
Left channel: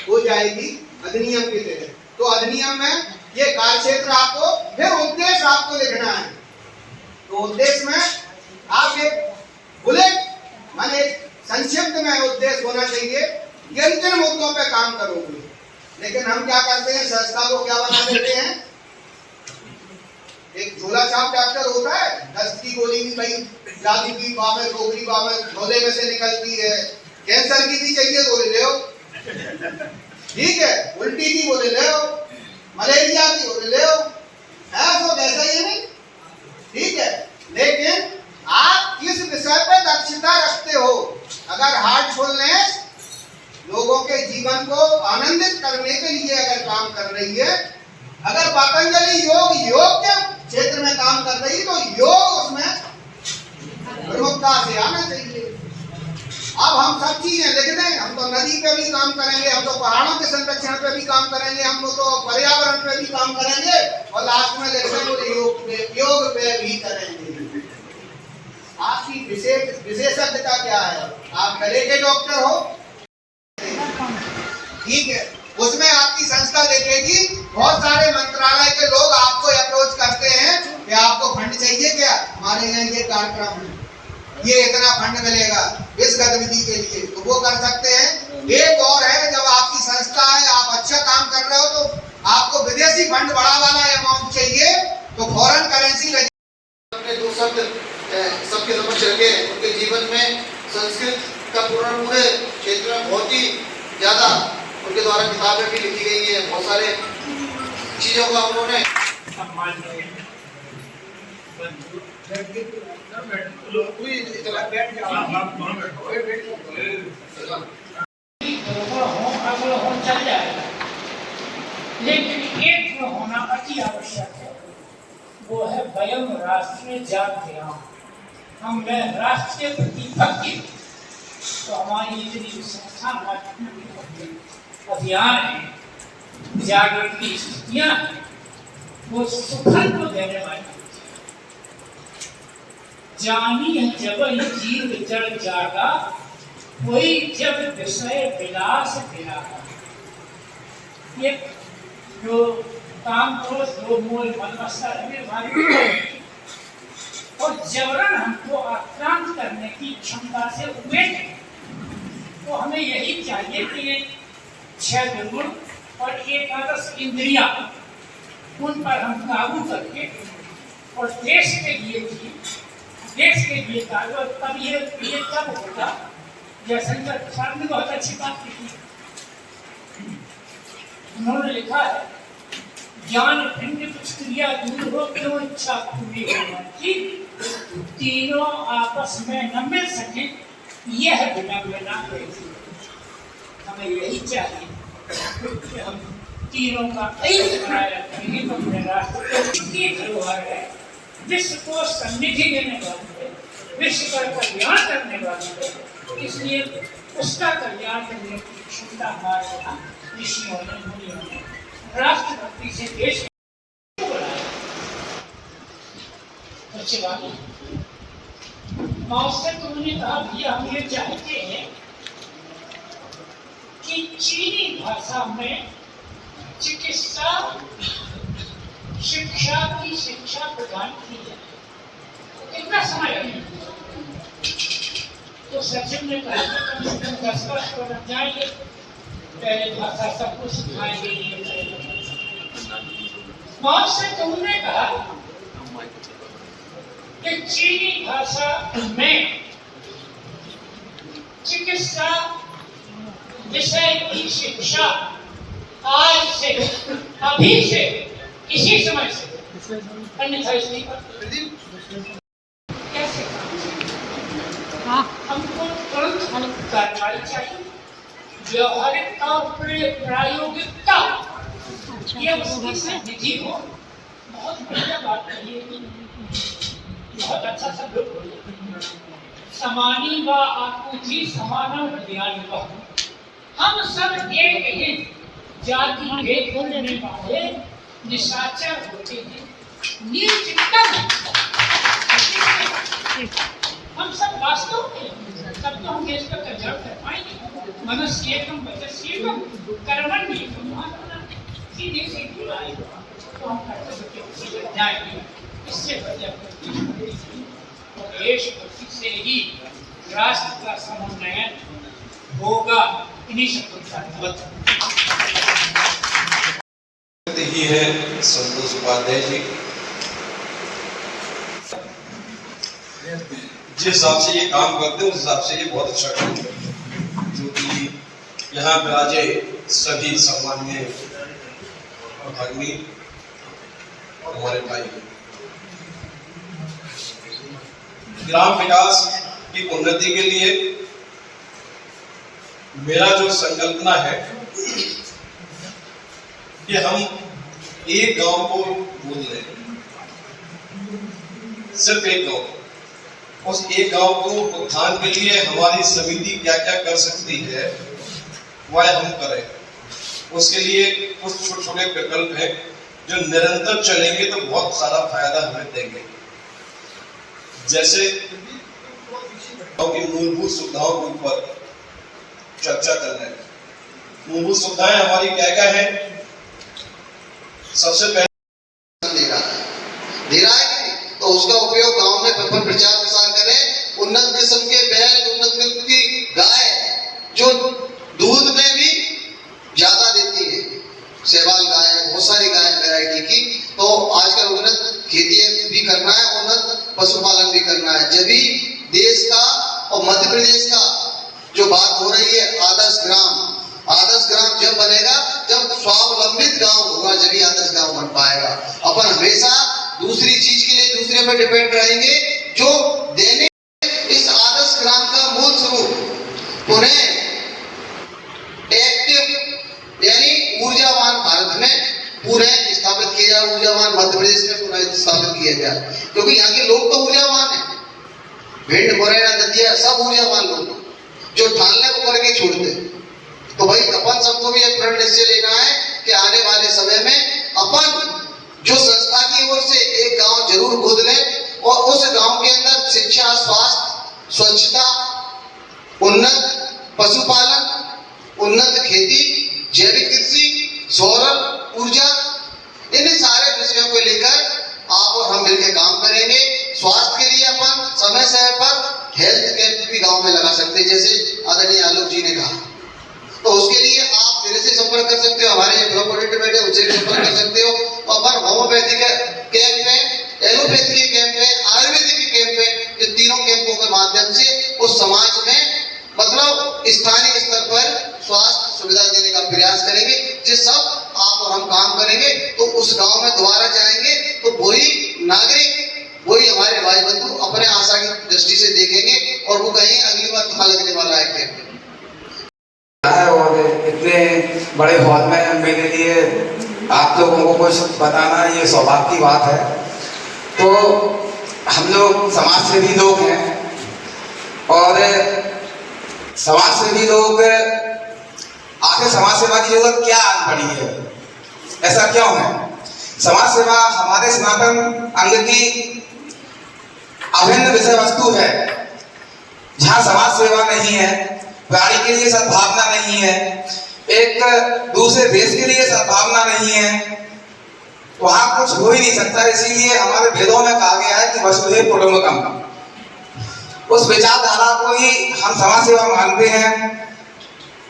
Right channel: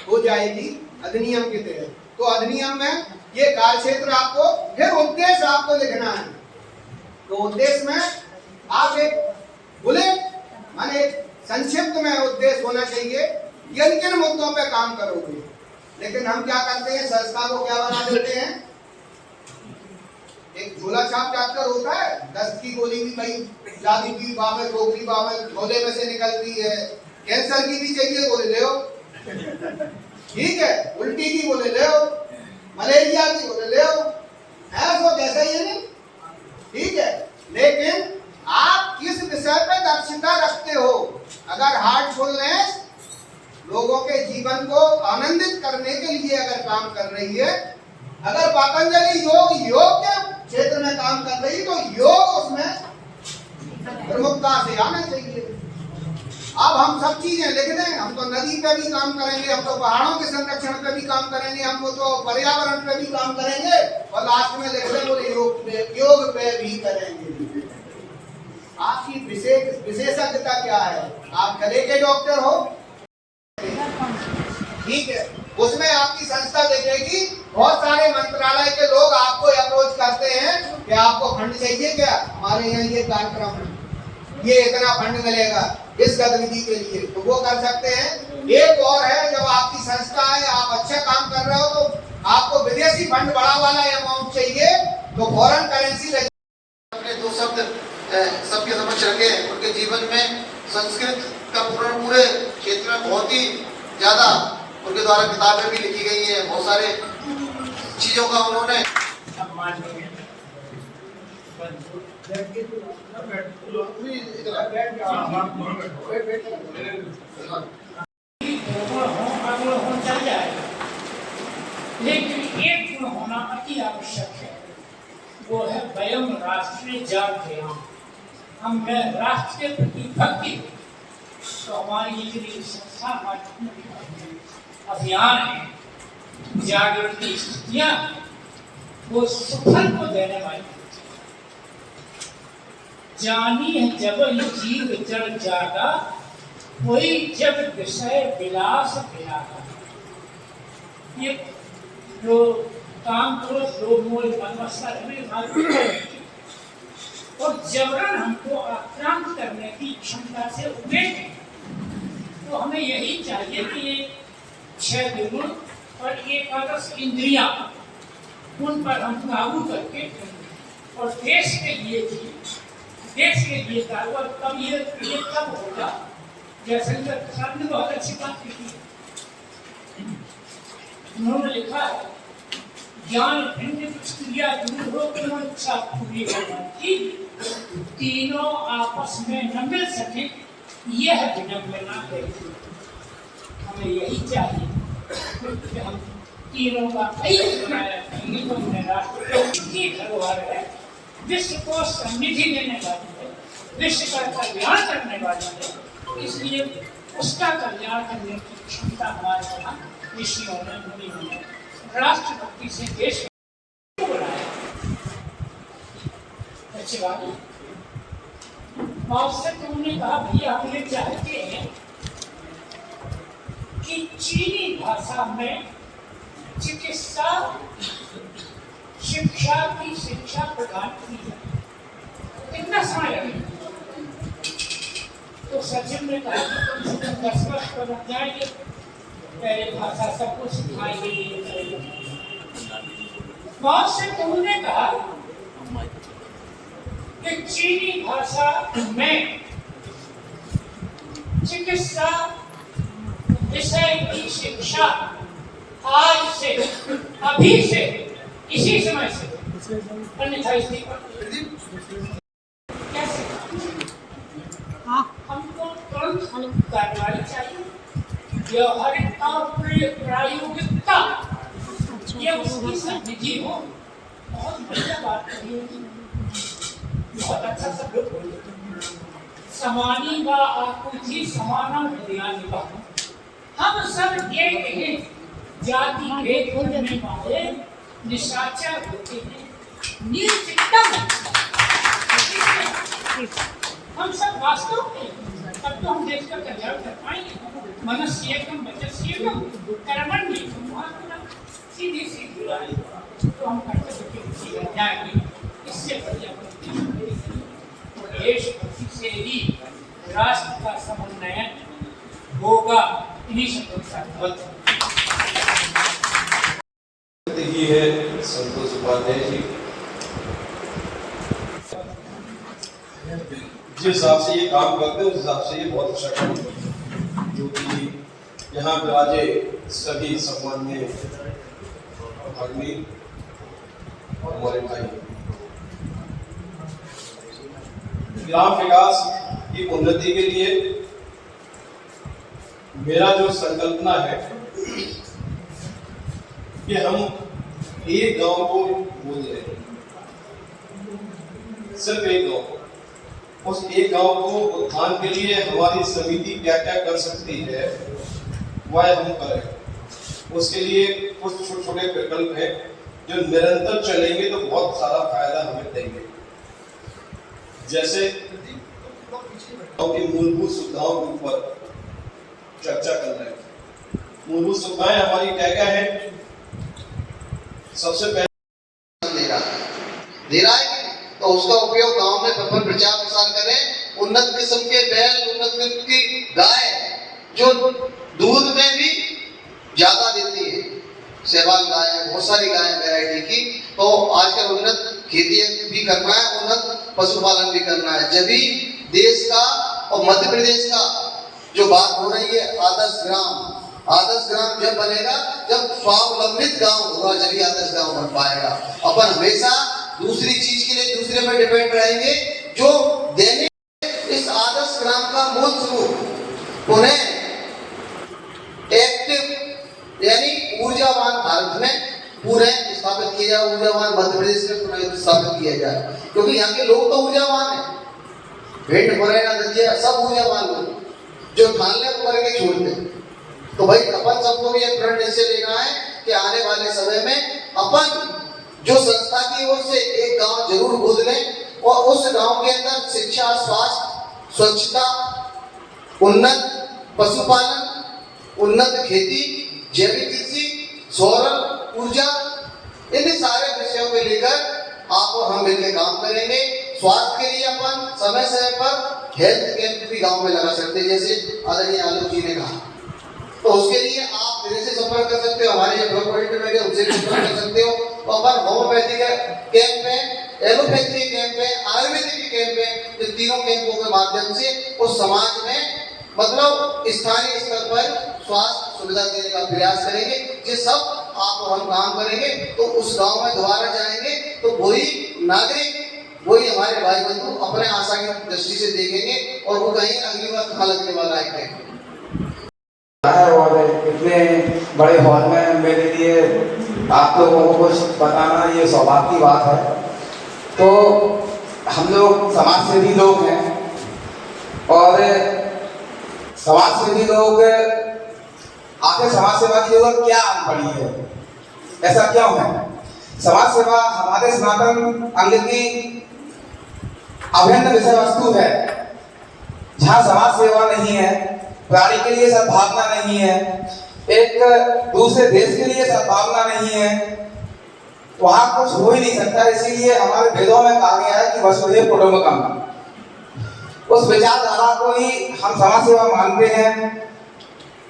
हो जाएगी अधिनियम के तहत। तो अधिनियम में ये कार्य क्षेत्र आपको, फिर उद्देश्य आपको लिखना है। तो उद्देश्य में आप एक बुलेट माने संक्षिप्त में उद्देश्य होना चाहिए, किन किन मुद्दों पे काम करोगे। लेकिन हम क्या करते हैं, संस्था को क्या बना देते हैं, एक झोला छाप डॉक्टर होता है, 10 की गोली भी भाई जादू की बामें गोगरी बामें झोले में से निकलती है, कैंसर की भी चाहिए गोली ले आओ, ठीक है, उल्टी की गोली ले आओ, मलेरिया की गोली ले आओ, ऐसा वैसा ही नहीं, ठीक है। लेकिन आप किस विषय पे दक्षता रखते हो। अगर हार्टफुलनेस लोगों के जीवन को आनंदित करने के लिए अगर काम कर रही है, अगर पतंजलि योग के क्षेत्र में काम कर रही, तो योग उसमें प्रमुखता से आना चाहिए। अब हम सब चीजें लिख दें, हम तो नदी पे भी काम करेंगे, हम तो पहाड़ों के संरक्षण पे भी काम करेंगे, हम तो पर्यावरण पे भी काम करेंगे और लास्ट में लिख दें योग पे भी करेंगे। आपकी विशेषज्ञता क्या है? आप गले के डॉक्टर हो, ठीक है, उसमें आपकी संस्था देखेगी, बहुत सारे मंत्रालय के लोग आपको अप्रोच करते हैं कि आपको फंड चाहिए क्या, हमारे यहाँ ये कार्यक्रम, ये इतना फंड मिलेगा इस गतिविधि के लिए, तो वो कर सकते हैं। एक और है, जब आपकी संस्था है, आप अच्छा काम कर रहे हो, तो आपको विदेशी फंड बड़ा वाला अमाउंट चाहिए, तो फॉरेन करेंसी अपने दो शब्द सबके समक्ष रखे। उनके जीवन में संस्कृत का पूरे क्षेत्र में बहुत ही ज्यादा उनके द्वारा किताबें भी लिखी गई है, बहुत सारे चीजों का उन्होंने चल जाएगा, लेकिन एक गुण होना अति आवश्यक है, वो है वयम राष्ट्र जागृयाम। हम राष्ट्र के प्रति भक्ति, तो हमारी इतनी संस्था, हमारी अभियान है, जागृति स्थितियां, वो सुखल को देने वाली। जानी है जब जीव जड़ जागा, कोई जब विषय विलास विलागा। ये जो काम करो, जो मोल मनमस्ता रहे और जबरन हमको आक्रांत करने की क्षमता से उपेट, तो हमें यही चाहिए कि ये 6 गुण और एकादश इंद्रियां, उन पर हम काबू करके और देश के लिए भी, देश के लिए और तब ये तब होगा। जैसे सर ने बहुत अच्छी बात लिखी, उन्होंने लिखा है, ज्ञान भिन्न कुछ क्रिया दूर हो, क्यों इच्छा पूरी होना की, तीनों आपस में न मिल सके, यह विडंबना है। हमें यही चाहिए कि हम तीनों का ऐक्य बनाए रखेंगे, तो अपने राष्ट्र की धरोहर है, विश्व को समृद्धि देने वाली है, विश्व का कल्याण करने वाली है। इसलिए उसका कल्याण करने की क्षमता हमारे यहाँ ऋषियों ने, मुनियों ने राष्ट्रभक्ति से देश को बनाया। अच्छी बात है। से तो उन्होंने कहा, भैया हम ये चाहते हैं कि चीनी भाषा में चिकित्सा शिक्षा की शिक्षा प्रदान की जाए। कितना समय लगेगा? तो सचिव ने कहा कि कम से कम 10 वर्ष पर लग जाएंगे, पहले भाषा सबको सिखाएंगे ये करेंगे। बहुत से तुमने कहा कि चीनी भाषा में चिकित्सा विषय की शिक्षा आज से, अभी से, इसी समय से, अन्यथा इसलिए कैसे हमको तुरंत कार्रवाई चाहिए। व्यवहारिकता और प्रायोगिकता ये उसकी सन्निधि हो। बहुत बढ़िया बात कही है, बहुत अच्छा सब लोग बोले। समानी व आकुति समानम हृदयानि वा। हम सब एक हैं, जाति भेद करने वाले निशाचर होते हैं, नीचतम। हम सब वास्तव में तब तो हम देश का कल्याण कर पाएंगे। मनस्येकम वचस्येकम कर्मण्येकम सीधी सीधी बात तो हम कर्तव्य के पीछे लग जाएंगे। इससे बढ़िया और देश भक्ति से ही राष्ट्र का समन्वय होगा। इन्हीं शब्दों के साथ ही है संतोष उपाध्याय जी। जिस हिसाब से ये काम करते हैं उस हिसाब से ये बहुत अच्छा काम करते हैं, जो कि यहाँ विराजे सभी सम्माननीय भगिनी और हमारे भाई। ग्राम विकास की उन्नति के लिए मेरा जो संकल्पना है कि हम एक गांव को बोल रहे हैं, सिर्फ एक गांव। उस एक गांव को उत्थान के लिए हमारी समिति क्या क्या कर सकती है वह हम करें। उसके लिए कुछ छोटे छोटे विकल्प हैं जो निरंतर चलेंगे तो बहुत सारा फायदा हमें देंगे। जैसे गांव की मूलभूत सुविधाओं के ऊपर चर्चा कर रहे हैं। मूलभूत सुविधाएं हमारी क्या क्या है? सबसे पहले दे रहा है तो उसका उपयोग गांव में प्रचार प्रसार करें। उन्नत किस्म के बैल, उन्नत किस्म की गाय जो दूध में भी ज्यादा देती है, सेवाल गाय, बहुत सारी गाय वैरायटी की। तो आजकल उन्नत खेती भी करना है, उन्नत पशुपालन भी करना है। जब भी देश का और मध्य प्रदेश का जो बात हो रही है आदर्श ग्राम जब बनेगा, जब स्वावलंबित गांव होगा, जब ही आदर्श गांव बन पाएगा। अपन हमेशा दूसरी चीज के लिए दूसरे पर डिपेंड रहेंगे। जो देने इस आदर्श ग्राम का मूल स्वरूप उन्हें एक्टिव यानी ऊर्जावान भारत में पूरे स्थापित किया जाए, ऊर्जावान मध्य प्रदेश में पुनः स्थापित किया जाए। क्योंकि यहाँ के लोग तो ऊर्जावान है, भिंड मुरैना नदिया सब ऊर्जावान लोग जो ठानने को करके छोड़ते। तो भाई अपन सबको भी एक प्रण निश्चय लेना है कि आने वाले समय में अपन जो संस्था की ओर से एक गांव जरूर गोद लें और उस गांव के अंदर शिक्षा, स्वास्थ्य, स्वच्छता, उन्नत पशुपालन, उन्नत खेती, जैविक कृषि, सौर ऊर्जा, इन सारे विषयों को लेकर आप और हम मिलकर काम करेंगे। स्वास्थ्य के लिए अपन समय समय पर हेल्थ कैंप भी गांव में लगा सकते हैं, जैसे आदरणीय आलोक जी ने कहा। तो उसके लिए आप मेरे से संपर्क कर सकते हो, हमारे जो ब्लॉक कोऑर्डिनेटर बैठे उनसे भी संपर्क कर सकते हो। तो अपन होम्योपैथी का कैंप है, एलोपैथी के कैंप है, आयुर्वेदिक के कैंप है। ये तीनों कैंपों के माध्यम से उस समाज में मतलब स्थानीय स्तर पर स्वास्थ्य सुविधा देने का प्रयास करेंगे। जिस सब आप और हम काम करेंगे तो उस गांव में दोबारा जाएंगे तो वही नागरिक, वही हमारे भाई बंधु अपने आशा की दृष्टि से देखेंगे और वो कहेंगे अगली बार कहाँ लगने वाला है कैंप। और इतने बड़े हॉल में मेरे लिए आप लोगों को कुछ बताना ये सौभाग्य की बात है। तो हम लोग समाज सेवी लोग हैं और समाज सेवी लोग आखिर समाज सेवा की जरूरत क्या पड़ी है, ऐसा क्यों है? समाज सेवा हमारे सनातन अंग की अभिन्न विषय वस्तु है। जहाँ समाज सेवा नहीं है, प्राणी के लिए सद्भावना नहीं है, एक दूसरे देश के लिए सद्भावना नहीं है, वहां कुछ हो ही नहीं सकता। इसीलिए हमारे वेदों में कहा गया है कि वसुधैव कुटुंबकम। उस विचारधारा को ही हम समाज सेवा मानते हैं।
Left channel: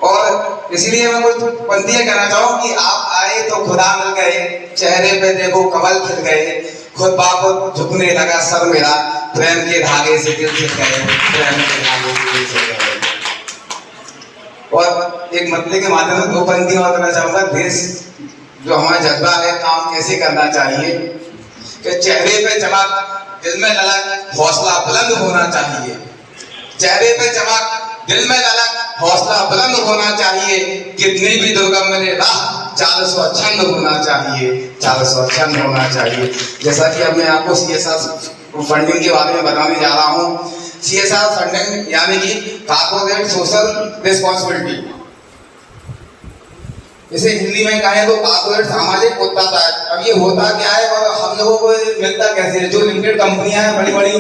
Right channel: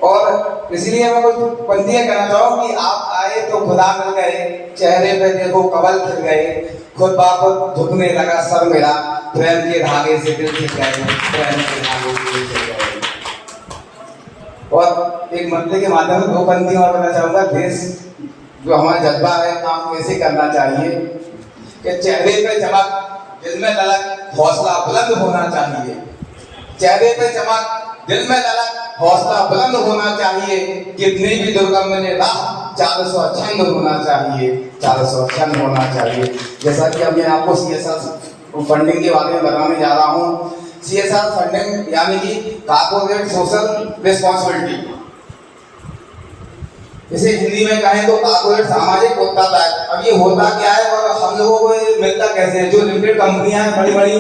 और इसलिए मैं कुछ पंक्तियां कहना चाहूँ कि आप आए तो खुदा मिल गए, चेहरे पे देखो कमल खिल गए, खुद बाप झुकने लगा सर मेरा, प्रेम के धागे से दिल से गए, प्रेम के धागे से दिल से गए। और एक मतले के माध्यम से दो पंक्तियां और कहना चाहूंगा। देश जो हमारा जज्बा है, काम कैसे करना चाहिए कि चेहरे पे चमक, दिल में ललक, हौसला बुलंद होना चाहिए। चेहरे पे चमक, दिल में ललक, हौसला बुलंद होना चाहिए। कितनी भी दुर्गम मिले राह, चाल स्वच्छंद होना चाहिए, चाल स्वच्छंद होना चाहिए। जैसा कि अब मैं आपको CSR फंडिंग के बारे में बताने जा रहा हूँ। CSR फंडिंग यानी कि कॉर्पोरेट सोशल रिस्पॉन्सिबिलिटी, इसे हिंदी में कहें तो कॉर्पोरेट सामाजिक उत्तरदायित्व। अब ये होता क्या है और हम लोगों को मिलता कैसे है? जो लिमिटेड कंपनियां हैं, बड़ी बड़ी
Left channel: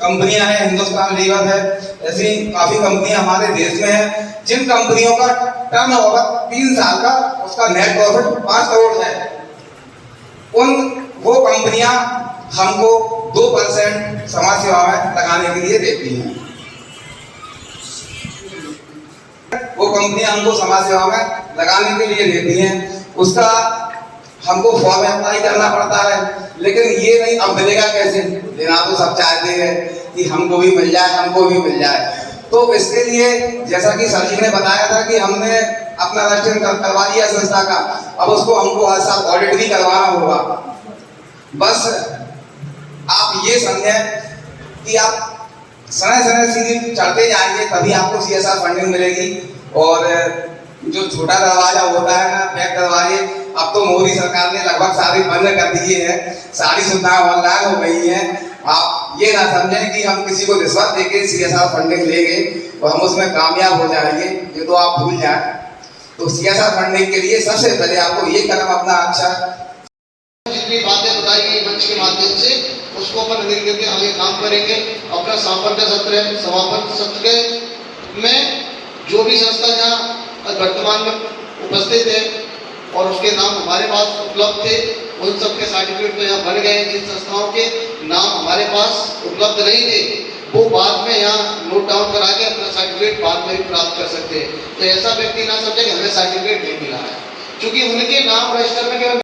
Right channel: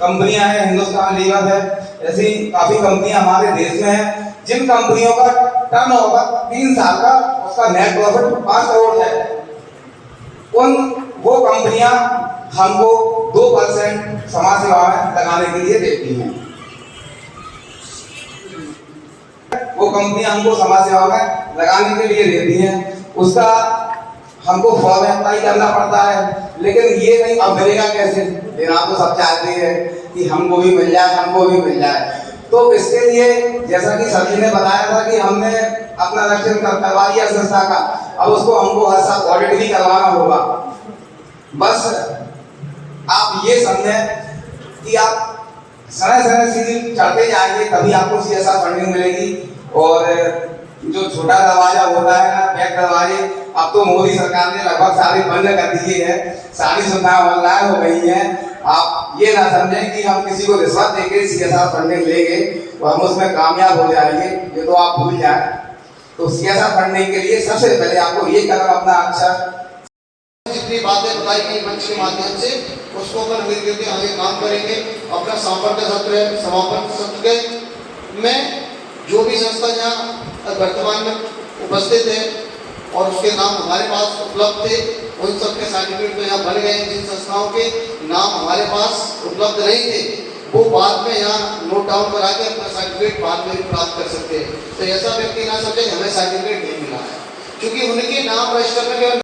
कंपनियां हैं, हिंदुस्तान लीवर है, ऐसी काफी कंपनियां हमारे देश में हैं, जिन कंपनियों का टर्नओवर 3 साल का, उसका नेट प्रॉफिट 5 करोड़ है। वो कंपनियां हमको 2% समाज सेवा में लगाने के लिए देती हैं। वो कंपनियां हमको समाज सेवा में लगाने के लिए देती हैं, उसका हमको फॉर्म अप्लाई करना पड़ता है। लेकिन ये नहीं, अब मिलेगा कैसे? लेना तो सब चाहते हैं कि हमको भी मिल जाए, हमको भी मिल जाए। तो इसके लिए जैसा कि सर जी ने बताया था कि हमने अपना रजिस्ट्रेशन करवा लिया संस्था का, अब उसको हमको हर साल ऑडिट भी करवाना होगा। बस आप ये समझें कि आप समय समय सीढ़ी चढ़ते जाएंगे, तभी आपको CSR फंडिंग मिलेगी। और जो छोटा दरवाजा होता है ना, बैक दरवाजे, अब तो मोदी सरकार ने लगभग सारे बंद कर दिए हैं, सारी सुविधाएं ऑनलाइन हो गई हैं। आप ये ना समझें कि हम किसी को रिश्वत देके CSR फंडिंग लेंगे और हम उसमें कामयाब हो जाएंगे, ये तो आप भूल जाएं। तो CSR फंडिंग के लिए सबसे पहले आपको ये कदम अपना अच्छा, जितनी बातें बताई गई मंच के माध्यम से, उसको अपन मिलकर के आगे काम करेंगे। अपना समापन सत्र में जो भी संस्था जहाँ वर्तमान में उपस्थित है और उसके नाम हमारे पास उपलब्ध थे, उन सब के सर्टिफिकेट तो यहाँ बन गए। जिन संस्थाओं के नाम हमारे पास उपलब्ध नहीं थे, वो बाद में यहाँ नोट डाउन करा के अपना सर्टिफिकेट बाद में भी प्राप्त कर सकते हैं। तो ऐसा व्यक्ति ना समझे कि हमें सर्टिफिकेट नहीं मिला है, क्योंकि उनके नाम रजिस्टर में केवल